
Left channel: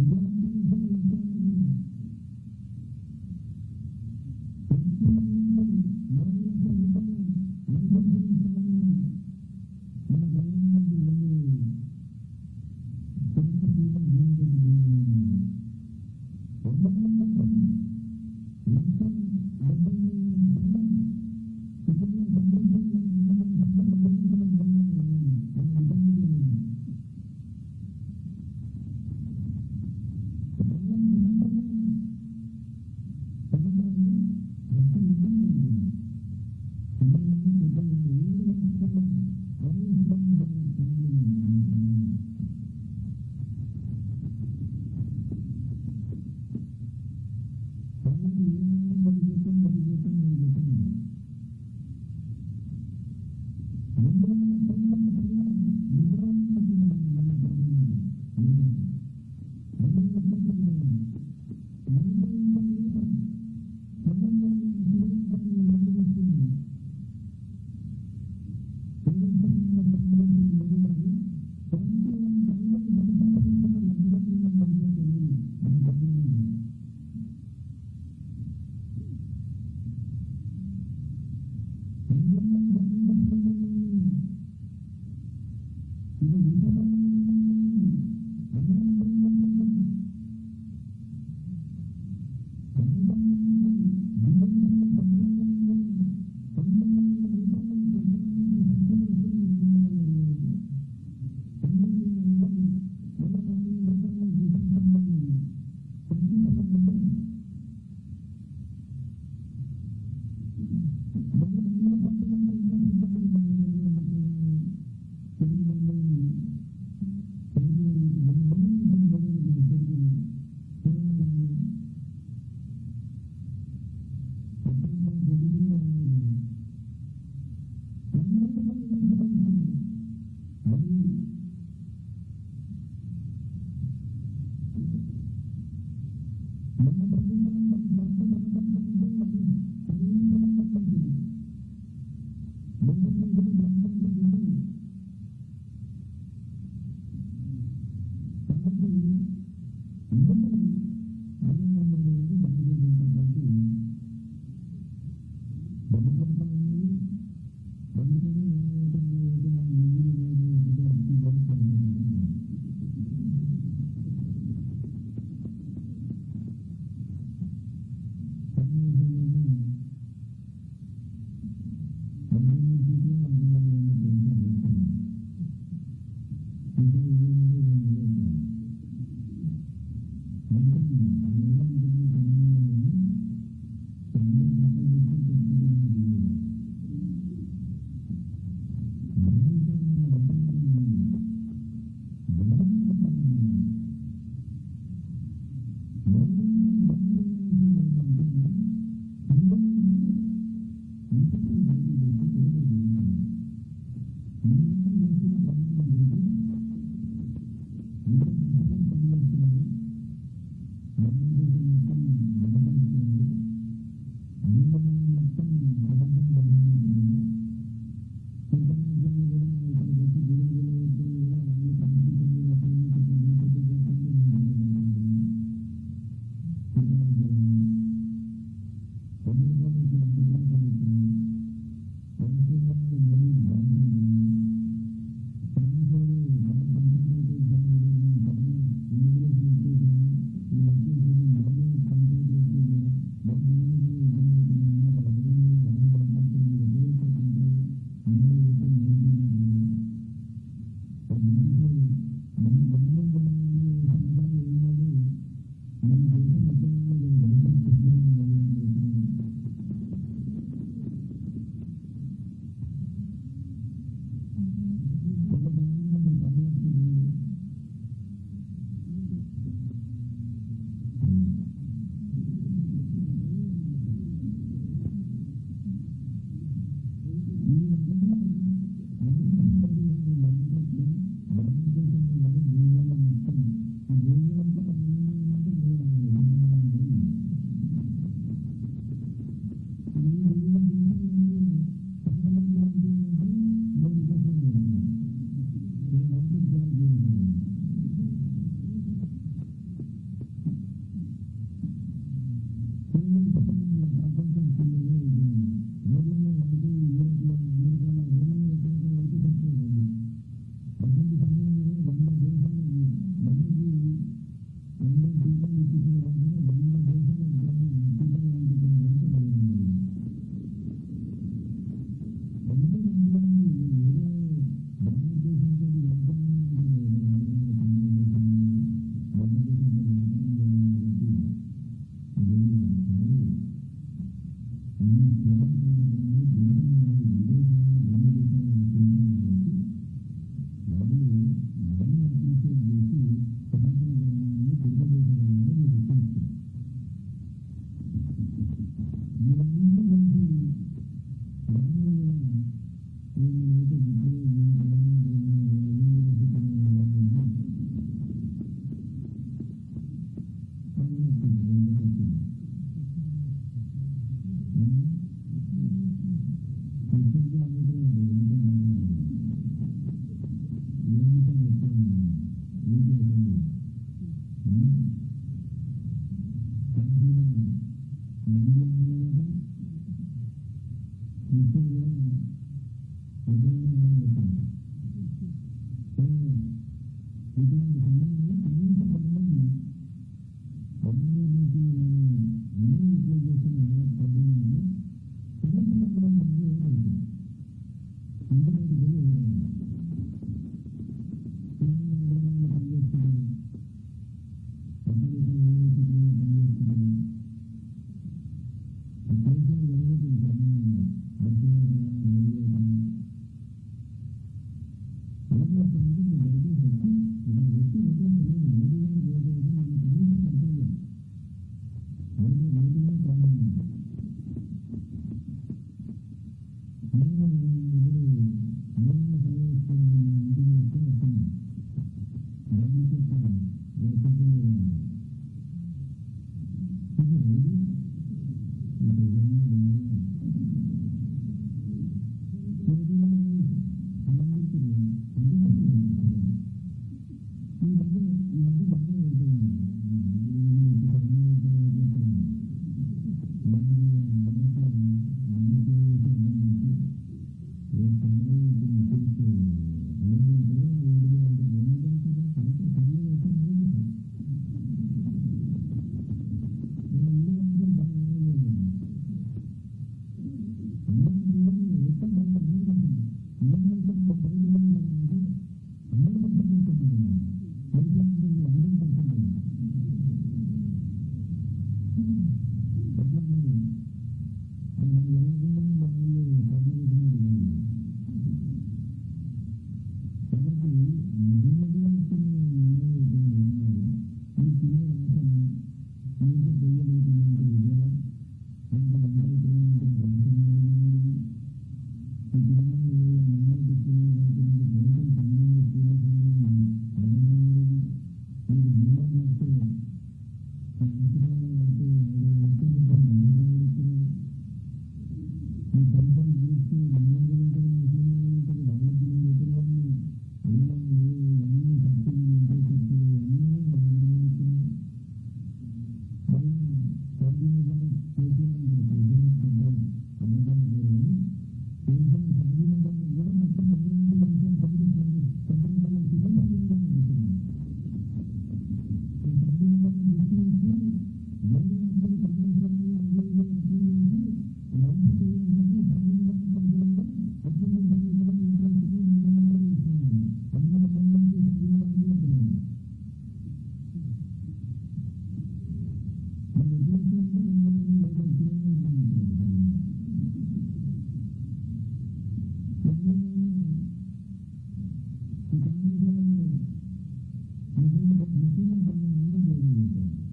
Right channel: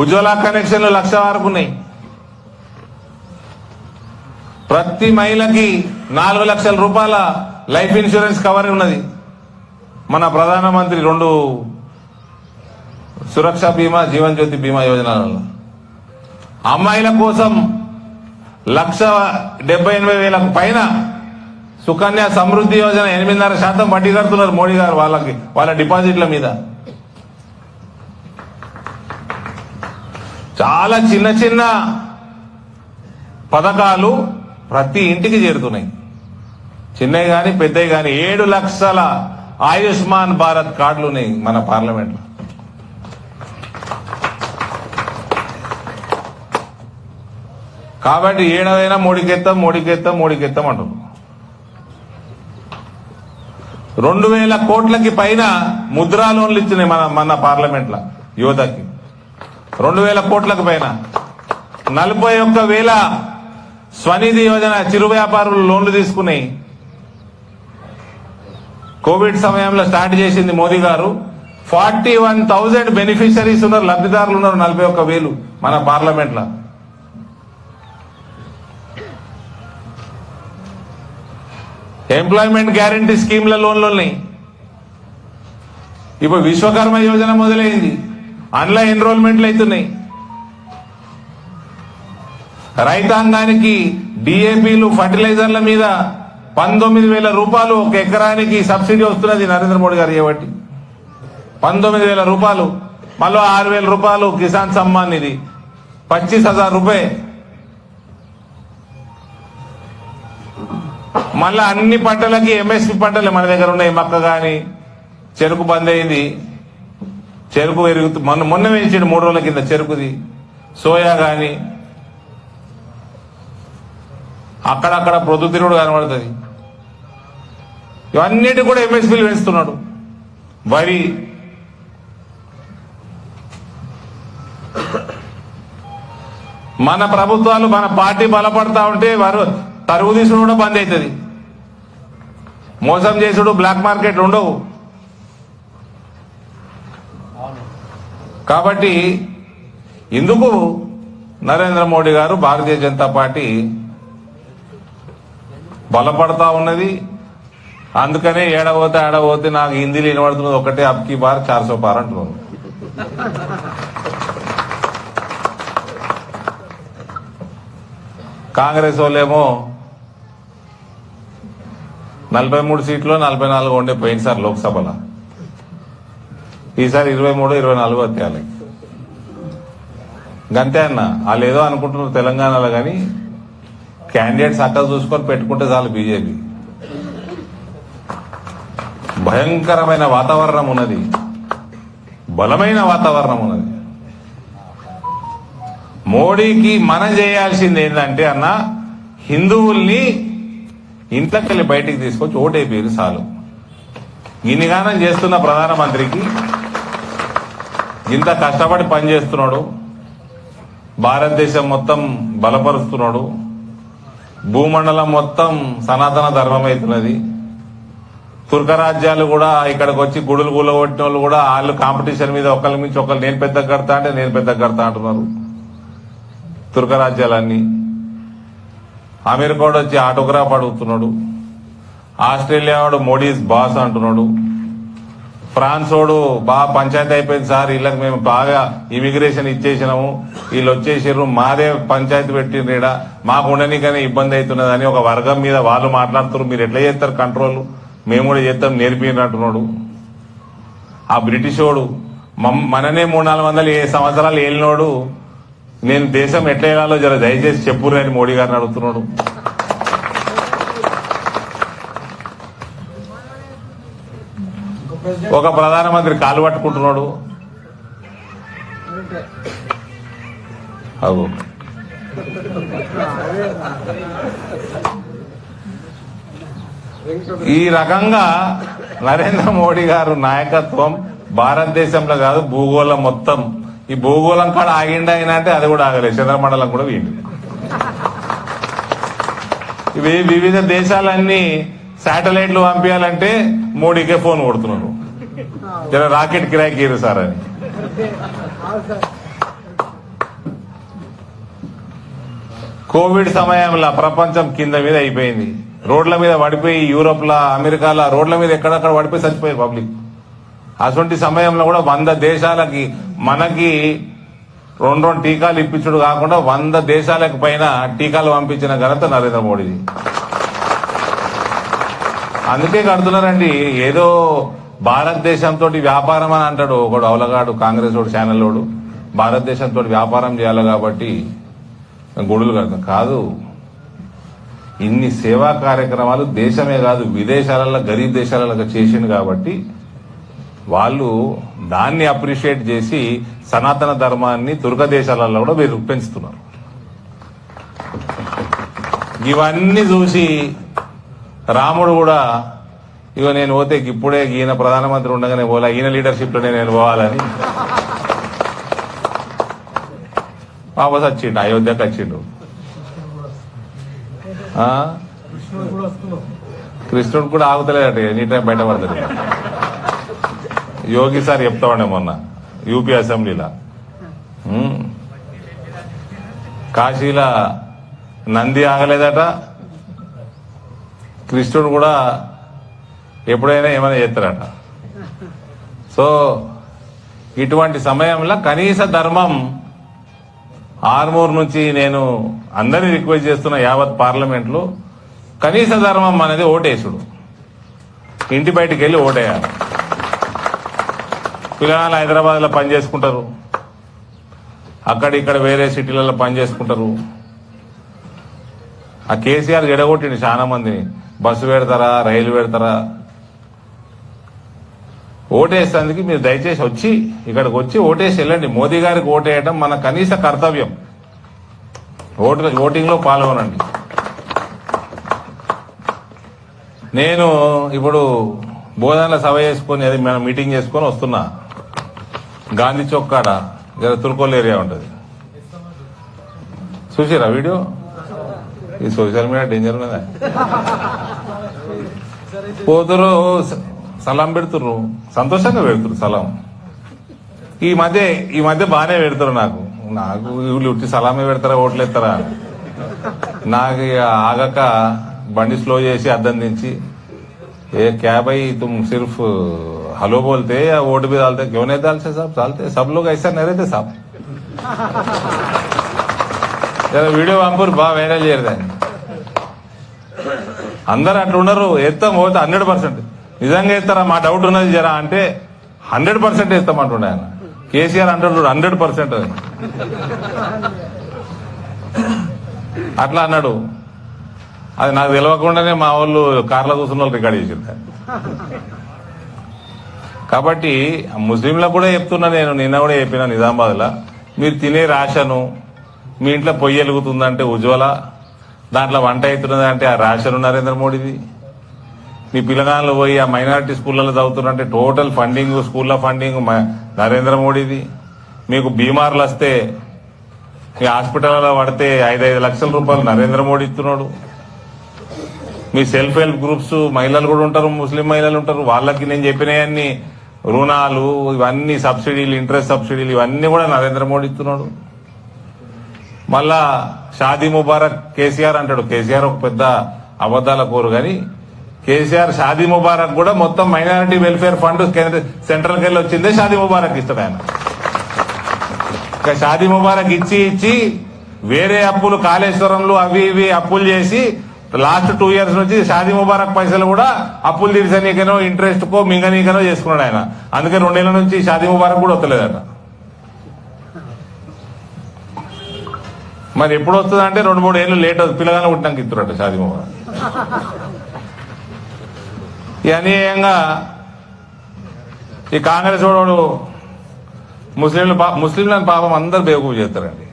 ఉజ్వల కనెక్షన్లు 1,00,000 వరకు ఉన్నాయి. ప్రతి మహిళకి 4 లక్షల రూపాయల లైఫ్ ఇన్సూరెన్స్ కవర్ ఉన్నది. మన ప్రధానమంత్రి 2 సురక్ష బీమా, జీవన్ జ్యోతి బీమా యోజనలలో అమ్మాయిల కోసం 1,78,000 పైన సుకన్య సమృద్ధి యోజన 8.5% వడ్డీ కడుతున్నారు మోడీ గారు వాళ్ళకి, వాళ్ళ డిపాజిట్ల మీద. చాలా చిన్న చిన్న పథకాలు ప్రతి ఇంటికి చేరుతున్నాయి, చిన్నవి కానీ పెద్దవి కానీ. 7 లక్షల ఆయుష్మాన్ భారత్ కార్డులు ఉన్నాయి మన పార్లమెంట్లో. కాబట్టి ఏడవైనా మోడీకెత్తాం అంటారు. 2000 కోట్లకి పైన ముద్రా లోన్లు ఇచ్చినాయి మన పార్లమెంట్లో యువతకి. 2000 కోట్లకు పైన 41,000 స్వనిధి యోజన చిరు వ్యాపారులు లోన్లు తీసుకున్నాయి. కోవిడ్ సమయంలో స్టార్ట్ చేసింది మోదీ గారు. 41,000 బెనిఫిషరీస్ ఉన్నారు, లబ్ధిదారులు ఉన్నారు. 41,000 మన పార్లమెంట్లో. ఎంప్లాయ్మెంట్ గ్యారంటీ స్కీమ్ల లోన్లు ఉన్నాయి. ఇప్పుడు విశ్వకర్మ యోజన మొదలైంది, అందులో ఎన్రోల్మెంట్లు అవుతున్నాయి. రైతాంగానికి డిఏపీలు ఫర్టిలైజర్ల మీద 19,000 రూపాయలు ఒక ఎకరానికి సబ్సిడీ వస్తున్నది నరేంద్ర మోడీ గారు చేయబట్టి. 19,000 రూపాయలు. మళ్ళీ 6,000 రూపాయలు కిసాన్ సమ్మాన్ నిధి, 25,000 రూపాయలు. మళ్ళా అన్ని పంటలకి ఎంఎస్పీ పంటలే మన దగ్గర ఉన్నాయి. మక్క గాని చెరుకు బంద్ అయింది, చెరుకు పెరుగుతూ మొన్న వేయించాడు 3 రోజుల కింద చెరుకుది. సోయా గాని అక్కడక్కడ ప్రొద్దుతిరుగుడు కనబడుతుంది. ఇవన్నిటి కూడా ఎంఎస్పీలు పెంచుతున్నాడు. వరి, మన ప్రభుత్వాలు మన పార్టీ బలపడతా ఉంటే వారు తరుగు తీసుడు కూడా బంద్ అవుతుంది. మోసం చేసుడు, బ్లాక్ మార్కెట్లు ఉండవు. కాబట్టి ఇందుకు నరేంద్ర మోడీ గారు భారతీయ జనతా పార్టీ బలపడతా ఉన్నది. అందుకనే ఏడవోతే నాకు హిందీలో వినబడుతున్నది ఒకటే, అబ్కి బార్ 400 పార్ అంటున్నారు. కాంగ్రెస్ వాళ్ళేమో 43 సీట్లు 44 ఉండే పోయినసారి లోక్సభలో. ఈసారి 23, 24 వచ్చేయాలి. గంతే అన్న. వాళ్ళు ఏదో అనుకుంటున్నారు తెలంగాణలో, కానీ క్యాండిడేట్స్ అక్కడ చూసుకొని పెట్టుకుంటే చాలు. బీజేపీ భయంకరమైన వాతావరణం ఉన్నది, బలమైన వాతావరణం ఉన్నది. మోడీకి మనం చేయాల్సింది ఏంటంటే అన్న, హిందువుల్ని ఇంట్లోకెళ్ళి బయటికి తీసుకొచ్చి ఓటేపేరు చాలు. ఇన్నిగానం చేస్తున్న ప్రధానమంత్రికి, ఇంత కష్టపడి పనిచేస్తున్నాడు, భారతదేశం మొత్తం బలపరుస్తున్నాడు, భూమండలం మొత్తం సనాతన ధర్మం అవుతున్నది. తుర్క రాజ్యాలు కూడా ఇక్కడికి వచ్చి గుడులు కూలగొట్టిన వాళ్ళు కూడా వాళ్ళు కాంపిటీషన్ మీద ఒకరి మించి ఒకరు నేను పెద్ద కడతా అంటే నేను పెద్ద కడతా అంటున్నారు. తుర్క రాజ్యాలన్నీ. అమెరికా వచ్చి ఆటోగ్రాఫ్ అడుగుతున్నాడు. ఆస్ట్రేలియా వాడు మోడీస్ బాస్ అంటున్నాడు. ఫ్రాన్స్ వాడు బాగా పంచాయతీ అయిపోయింది సార్, వీళ్ళకి మేము బాగా ఇమిగ్రేషన్ ఇచ్చేసినాము, వీళ్ళు వచ్చేసారు, మాదే పంచాయతీ పెట్టిండ్రు, ఈడ మాకు ఉండనికనే ఇబ్బంది అవుతున్నదని ఒక వర్గం మీద వాళ్ళు మాట్లాడుతున్నారు. మీరు ఎట్లా చేస్తారు కంట్రోల్, మేము కూడా చేస్తాం నేర్పియండి అంటున్నాడు. ఆ బ్రిటిష్ వాడు మననే 300-400 సంవత్సరాలు ఏలినోడు, నేను దేశం ఎట్లా వెళ్ళాలో జర దయచేసి చెప్పురు అని మోడీ గారిని అడుగుతున్నాడు. ఒక ప్రధానమంత్రి కాలు పట్టుకుంటున్నాడు. అవు ఈ రకంగా నరేంద్ర మోడీ గారు నాయకత్వం భారతదేశంలో కాదు భూగోళం మొత్తం, ఈ భూగోళం కాడ ఆగిండా అయినా అంటే అది కూడా ఆగలేదు, చంద్రమండలం కూడా వీండి. ఇవి వివిధ దేశాలన్నీ శాటిలైట్లు పంపించాలంటే మోడీకే ఫోన్ కొడుతున్నారు, జర రాకెట్ కిరాయికి ఇరు సార్ అని. కోవిడ్ సమయంలో ప్రపంచం కింద మీద అయిపోయింది, రోడ్ల మీద పడిపోయి, యూరోప్ లా అమెరికాలో రోడ్ల మీద ఎక్కడక్కడ పడిపోయి చచ్చిపోయారు పబ్లిక్. అటువంటి సమయంలో కూడా 100 దేశాలకి మనకి 2 టీకాలు ఇప్పించడు కాకుండా 100 దేశాలకు పైన టీకాలు పంపించిన ఘనత నరేంద్ర మోడీది. అందుకే కడుతున్నారండి. ఏదో భారతదేశంతో వ్యాపారం అని అంటాడు ఒకడు అవలగాడు, కాంగ్రెస్ వాడు ఛానల్ వాడు, భారతదేశంతో వ్యాపారం చేయాలి కాబట్టి గుడులు కడతాం కాదు. ఇన్ని సేవా కార్యక్రమాలు దేశమే కాదు విదేశాలలో గరీబ్ దేశాలలో చేసిండు కాబట్టి వాళ్ళు దాన్ని అప్రిషియేట్ చేసి సనాతన ధర్మాన్ని తుర్క దేశాలలో కూడా వీరు పెంచుతున్నారు. ఇవన్నీ చూసి రాముడు కూడా ఇగో నేను పోతే ఇప్పుడే ఈయన ప్రధానమంత్రి ఉండగానే పోలా, ఈయన లీడర్షిప్లోనే నేను పోవాలని వాపస్ వచ్చిండు, అయోధ్యకు వచ్చిండు. కృష్ణుడు కూడా ఆగుతలేదట, ఎనీ టైం బయటపడతాడు. యోగి సార్ చెప్తా ఉండే మొన్న యూపీ అసెంబ్లీలో, కాశీలో నంది ఆగలేదట, కృష్ణుడు కూడా ఎప్పుడైనా ఏమైనా చేస్తారట. సో ఇటువంటి సమయంలో కనీస ధర్మం ఆర్మూర్ నుంచి నేను అందరినీ రిక్వెస్ట్ చేస్తున్న యావత్ పార్లమెంట్లో కనీస ధర్మం అనేది ఓటేసుడు. ఇంటి బయటికి వెళ్ళి ఓటేయాలి. పిల్లలు హైదరాబాద్లో పని చేసుకుంటారు, అక్కడిక్కడ వేరే సిటీలలో పని చేసుకుంటారు. ఆ కేసీఆర్ జడగొట్టిండు చాలా మందిని. బస్సు పెడతారా, రైలు పెడతారా? ఓటేసేందుకు మీరు దయచేసి వచ్చి ఇక్కడికి వచ్చి ఓటేసి వెళ్ళండి. మోదీ గారికి ఓటేయడం మన కనీస కర్తవ్యం. ఓటింగ్లో పాల్గొనండి. నేను ఇప్పుడు బోధనలో సభ చేసుకొని అది మనం మీటింగ్ చేసుకొని వస్తున్నా. గాంధీ చౌక్ కాడ తుర్కోల్ ఏరియా ఉంటుంది, చూసిరా వీడియో? ఈ సోషల్ మీడియా డేంజర్ ఉన్నదా? పోతురు సలాం పెడుతుర్రు, సంతోషంగా పెడుతురు సలాం. ఈ మధ్య బాగానే పెడతారు. నాకు వీళ్ళు ఉట్టి సలామే పెడతారా, ఓట్లు ఎత్తారా? నాకు ఆగక బండి స్లో చేసి అద్దం దించి, ఏ क्या भाई तुम सिर्फ हेलो बोलते या वोट भी डालते, क्यों नहीं डालते साहब? डालते, सब लोग ऐसा नहीं रहते साहब. వీడియో పంపురు, బాగా వైరల్ చేయరు. అందరు అట్లా ఉన్నారు. ఎత్తాం పోతే 100%. నిజంగా ఎత్తారా? మా డౌట్ ఉన్నది జరా అంటే 100% ఎత్తామంటుండే ఆయన. కేసీఆర్ అంటాడు 100% అని. అట్లా అన్నాడు. అది నాకు తెలియకుండానే మా వాళ్ళు కార్లో కూర్చున్న వాళ్ళు రికార్డ్ చేసింది. కాబట్టి ముస్లింలకు కూడా చెప్తున్నా, నేను నిన్న కూడా చెప్పిన నిజామాబాద్లో, మీరు తినే రేషను మీ ఇంట్లో పొయ్యి వెలుగుతుందంటే ఉజ్వల, దాంట్లో వంట అవుతున్నది అంటే ఆ రేషన్ నరేంద్ర మోడీది. మీ పిల్లగాళ్ళు పోయి ఆ మైనారిటీ స్కూళ్ళలో చదువుతున్నారంటే టోటల్ ఫండింగ్, స్కూళ్ళ ఫండింగ్ నరేంద్ర మోడీది. మీకు బీమార్లు వస్తే, మీ హాస్పిటల్లో పడితే 5 లక్షల రూపాయలు నరేంద్ర మోడీ ఇస్తున్నాడు. మీ సెల్ఫ్ హెల్ప్ గ్రూప్స్ మహిళలు కూడా ఉంటారు, ముస్లిం మహిళలు ఉంటారు. వాళ్ళకి నేను చెప్పినవన్నీ రుణాలు, ఇవన్నీ సబ్సిడీలు, ఇంట్రెస్ట్ సబ్సిడీలు, ఇవన్నీ కూడా నరేంద్ర మోడీ ఇస్తున్నాడు. మళ్ళా షాదీ ముబారక్ కేసీఆర్ అంటాడు. కేసీఆర్ ఒక పెద్ద అబద్దాల కోరు, కానీ కేసీఆర్ షాదీ ముబారక్ కూడా మొత్తం మైనారిటీ వెల్ఫేర్ ఫండ్ సెంట్రల్కి వెళ్ళి వచ్చిందే షాదీ ముబారక్ ఇస్తాడు ఆయన. ఇంకా షాదీ ముబారక్ ఇచ్చి వేరే అప్పులు, కాళేశ్వరంలో అవి ఇవి అప్పులు చేసి లాస్ట్ 2 years నుంచి షాదీ ముబారక్ పైసలు కూడా అప్పులు తీర్చనీకనో ఇంట్రెస్ట్ కో మింగనీకనో చేసుకున్నాడు ఆయన. అందుకే 2 ఏళ్ల నుంచి షాదీ ముబారక్ కూడా వస్తలేదట. మరి ఎప్పుడు వస్తుంది అంటే 2-3 ఏళ్ళు లేట్ అవుతుంది. పిల్లగానే పుట్టినాక ఇస్తున్నట్టు షాదీ ముబారక్. ఈ అన్యాయంగా ఈ కాంగ్రెస్ వాడు ముస్లింలను పాపం అందరు బేవకూఫ్ చేస్తారండి.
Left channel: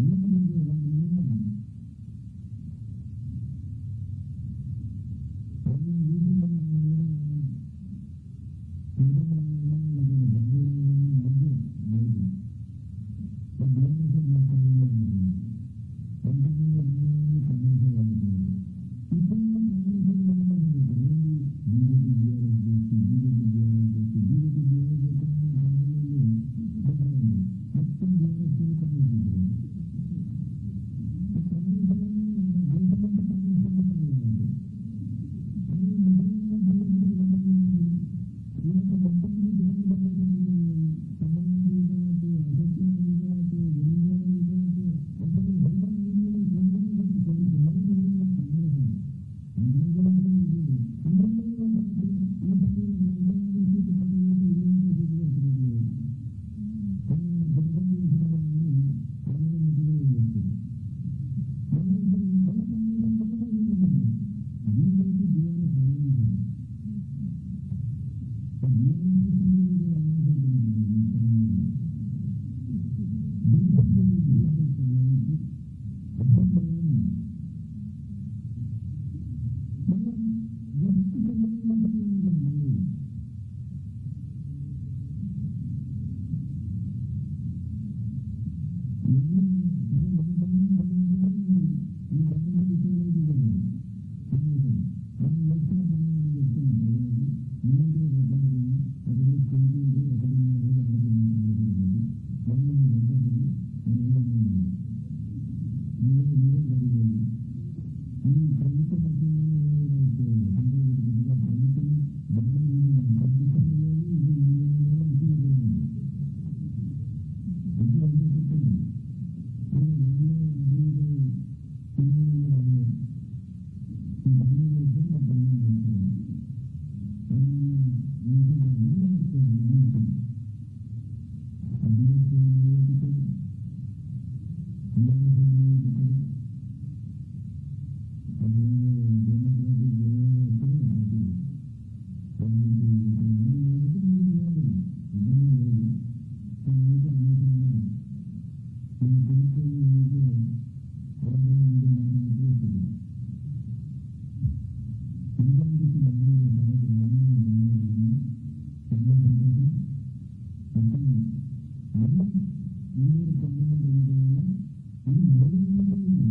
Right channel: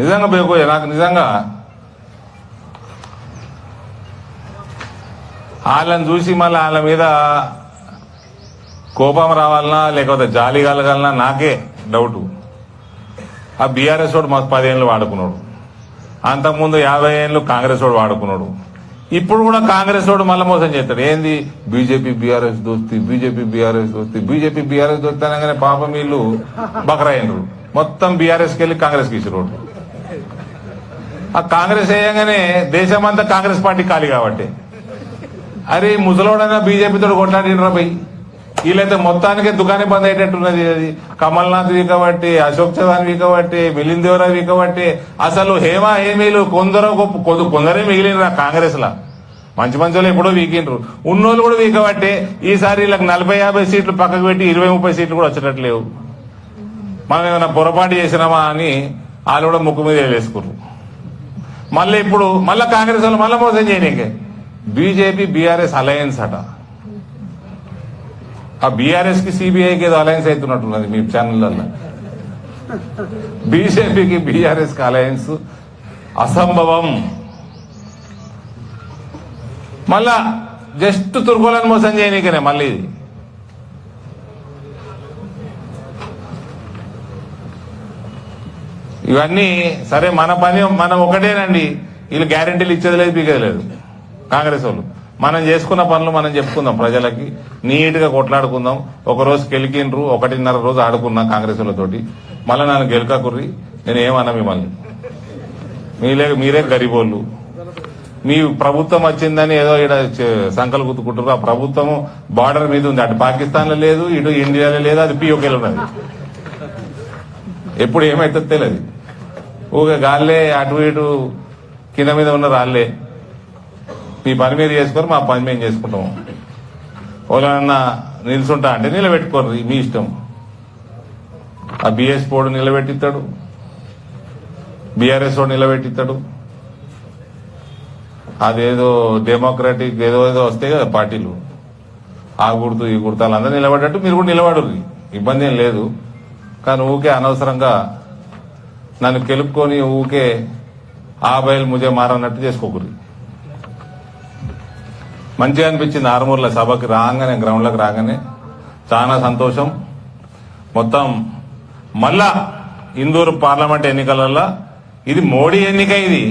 నిజంగా బేవకూఫ్. నాకు నిజంగా వాళ్ళని చూసి మళ్ళీ వాళ్ళ మీద కోపం రావాలన్నా లేకపోతే జాలి కలగాలన్నా నాకే డౌటు. ఆ బీఆర్ఎస్ వాడు మాకు 10 ఏళ్ళు వాడుకున్నాడు, అంతకుముందు 50 ఏళ్ళు కాంగ్రెస్ వాడు వాడుకున్నాడు. ఇప్పుడు కూడా కాంగ్రెస్ వాడు మళ్ళీ మోసం చేస్తాడు. ఏంది బీజేపీ బీఆర్ఎస్ దోస్తి, బీజేపీ బీఆర్ఎస్ దోస్తి, బీజేపీ బీఆర్ఎస్ దోస్తి అనగానే పాపం వీళ్ళు బకరైనరు. మొత్తం బీఆర్ఎస్కి వెళ్ళి కాంగ్రెస్కి ఇచ్చారు. ఆ కాంగ్రెస్ వేయగానే దేశమంతా కాంగ్రెస్ పార్టీ ఖాళీ కాబట్టి, అరే ముసలోడైనా బీజేపీతో కొట్లాడినరా పోయి. వీళ్ళైతే మొత్తానికే దుకాణం బంద్ అయ్యేటట్టున్నది. అది కమల్నాథ్ వీకబట్టి, అశోక్ చవాన్ వీకబట్టి, మిలింద్ దేవరా వీకబట్టి, అసలు హేమా హేమీలు కొందరే మిగిలినరా కాంగ్రెస్ లా. మంచి వాళ్ళు ఎప్పుడో వీకిండ్రు, ఉన్నోళ్ళు కూడా వీకబట్టే ఈసారి వీళ్ళకి 40-50 సీట్లు పక్కకు పెట్టి 20-30 సీట్లు కూడా వచ్చేటట్లు లేవు. మనం ఏమైనా పొరపాటు చేసినామా అని వాళ్ళు కూడా ముక్కు మీద వేసుకున్నారు. మళ్ళీ ఇప్పుడు మళ్ళీ కాంగ్రెస్ వాళ్ళు మళ్ళీ మోసం చేయనీకే బీజేపీ బీఆర్ఎస్ అలయన్స్ అట. ఆ బీఆర్ఎస్ కి సిబిఐకి ఏదో అలయన్స్ అవుతున్నట్టున్నది మీ ఛానళ్ళల్లో. బీజేపీకి బీఆర్ఎస్ కి అలయన్స్ అసంభవం. మళ్ళా జస్ట్ తుర్కోలను మోసం చేయనీకనే మళ్ళీ ఇది. ఇవన్నీ సరే, మన పని మనం ఒకటేనండి. వీళ్ళు గ్యారెంటీలు ఇచ్చేది లేదు, పీకేది లేదు కాంగ్రెస్ వాళ్ళు. మనం చేసుకున్న పనులు మనం చెప్పుకుందాం, ప్రజలకి నీట్ గా కొట్లాడుకుందాం. ఒక రోజు గెలికిండ్రు, 1.5 రోజు ఆడుకున్నా కాంగ్రెస్ వాళ్ళతోటి. మళ్ళీ నన్ను గెలకకుర్రి, నేను ఏమన్నా మిమ్మల్ని. మీరే గరీబోళ్ళు. మీ ప్రభుత్వం వచ్చిందని ఏదో ఇక్కడ సంకలు గుర్తుకుంటారు. ఆ ప్రభుత్వం బార్డర్ మీద ఉంది, అటు పాకిస్తాన్ లో లేదు, ఇటు ఇండియాలో లేదు, అది పిఓకేలో ఉన్నది. ఎప్పుడు ఏమైతే తెలియదు. ఊగే గాల్లే అటు ఇటు కింద మీద ఉన్న రాళ్లే. మీ పని మీరు చేసుకొని మా పని మేము చేసుకుంటాము. ఎవరైనా నిల్చుంటా అంటే నిలబెట్టుకోరు, మీ ఇష్టం. ఆ బిఎస్ పోడు నిలబెట్టిస్తాడు, బీఆర్ఎస్ వాడు నిలబెట్టిస్తాడు. అదేదో డెమోక్రటిక్ ఏదో ఏదో వస్తాయి కదా పార్టీలు, ఆ గుర్తు ఈ గుర్తు వాళ్ళందరూ నిలబడ్డట్టు మీరు కూడా నిలబడరు, ఇబ్బంది ఏం లేదు. కానీ ఊకే అనవసరంగా నన్ను కెలుపుకొని ఊకే ఆ బయలు ముజే మారన్నట్టు చేసుకోకూడదు. మంచిగా అనిపించింది ఆరుమూర్ల సభకి రాగానే, గ్రౌండ్లకు రాగానే చాలా సంతోషం. మొత్తం మళ్ళా ఇందూరు పార్లమెంట్ ఎన్నికలలో ఇది మోడీ ఎన్నిక, ఇది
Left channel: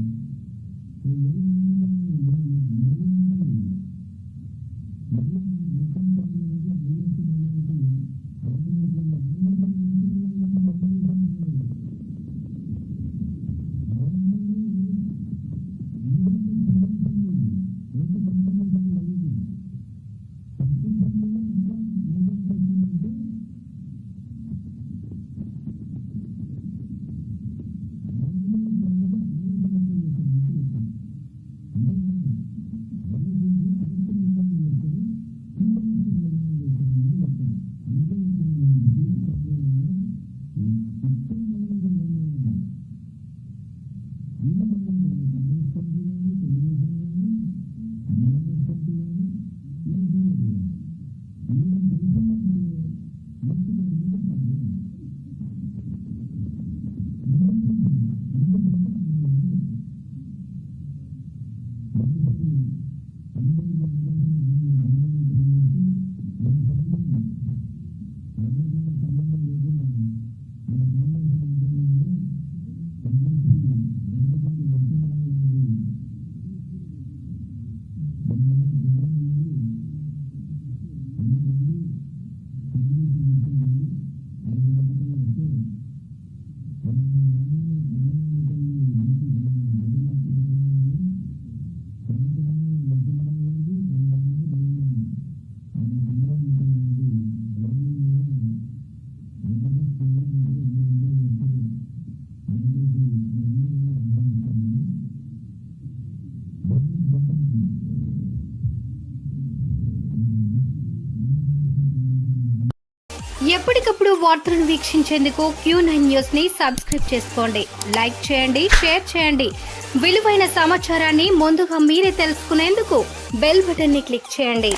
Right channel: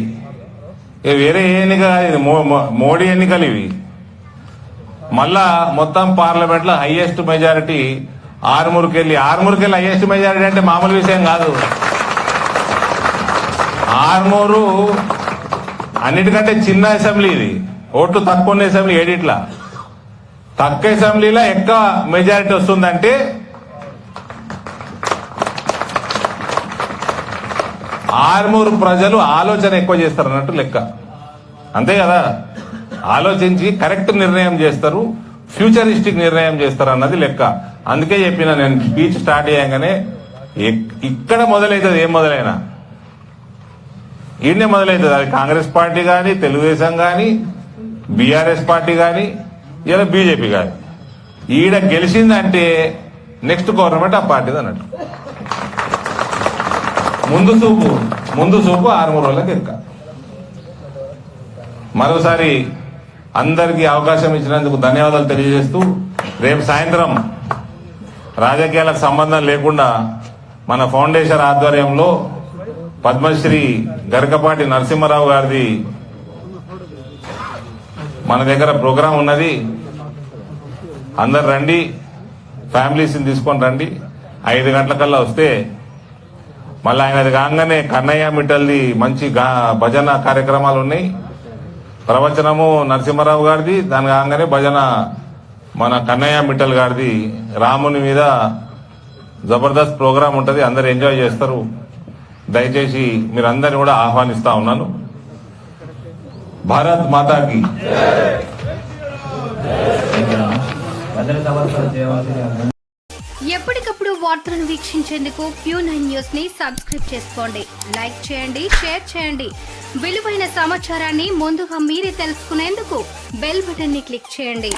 వేరే ఏ ఎన్నిక కాదు, ఇది మోడీ ఎన్నికలు ఇవి. మళ్ళా మొత్తం పార్లమెంట్ లో హైయెస్ట్ మెజారిటీ ఆరుమూరుకెళ్ళి హైయెస్ట్ మెజారిటీ అంటే మామూలు విషయం కాదు. ఆరుమూరు అన్నిటికంటే చిన్న అసెంబ్లీ, ఇది ఓట్లు తక్కువ ఉన్న అసెంబ్లీ. ఏడిట్లా తక్కువ అసెంబ్లీలో ఎక్కువ మెజారిటీ వస్తుందంటే ఆరుమూరు ప్రజలు ఆలోచన ఎక్కువ చేస్తారు అన్నట్టు లెక్క, అంతే కదా. ఆలోచించి కరెక్ట్ నిర్ణయం చేస్తారు, ఫ్యూచరిస్టిక్ నిర్ణయం చేస్తారు అన్నది లెక్క. అందుకే చెప్పిన నేను స్పీచ్ స్టార్ట్ చేయగానే, ఇక్కడ మొదలవుతుంది, ఏం మొదలైనా ఈయనే మొదలవుతుంది. అది కాంగ్రెస్ పార్టీ కానీ, తెలుగుదేశం కానీ, బీఆర్ఎస్ పార్టీ కానీ, ఇలా బీజేపీ కానీ, ఈడ గెలిచిందంటే నెక్స్ట్ గవర్నమెంట్ ఆ పార్టీది అన్నట్టు. ముందు చూపు ఆరుమూరు వాళ్ళకి ఎక్క. మరోసారి అందరికీ అవకాశం ఇచ్చినందుకు ధన్యవాదాలు తెలియజేస్తూ, రేపు సాయంత్రం రాజకీయాలకు సంబంధం లేకుండా మన ఫౌండేషన్ ఆధ్వర్యంలో పద్మశ్రీ గరికపాటి నరసింహారావు గారిది మన దగ్గర ప్రోగ్రాం ఉన్నది. అందరు రండి, ఫ్యామిలీస్ని తీసుకొని రండి. 5 గంటలకల్లా వస్తే మళ్ళీ ఆయనది కాగానే కన్నయ్య మిట్టల్ది మంచి భజన కార్యక్రమాలు ఉన్నాయి. ప్రవచనము నరసింహారావు గారిది, దాని కాగానే భజన మన కన్నయ్య మిట్టల్ గారిది. రాముని మీద జబర్దస్త్ ప్రోగ్రాం ఉంటుంది, అందరు ఎంజాయ్ చేస్తారు. దయచేసి మీరందరినీ కూడా ఆహ్వానిస్తా ఉన్నాను. భారత్ మాతాకి. ఎప్పటికప్పుడు వార్తలను వీక్షించేందుకు Q9 న్యూస్ ని సబ్స్క్రైబ్ చేసుకోండి, లైక్ చేయండి, షేర్ చేయండి. విలువైన సమాచారాన్ని ముందుగా మీరే తెలుసుకునేందుకు బెల్ బటన్ ని క్లిక్ చేయండి.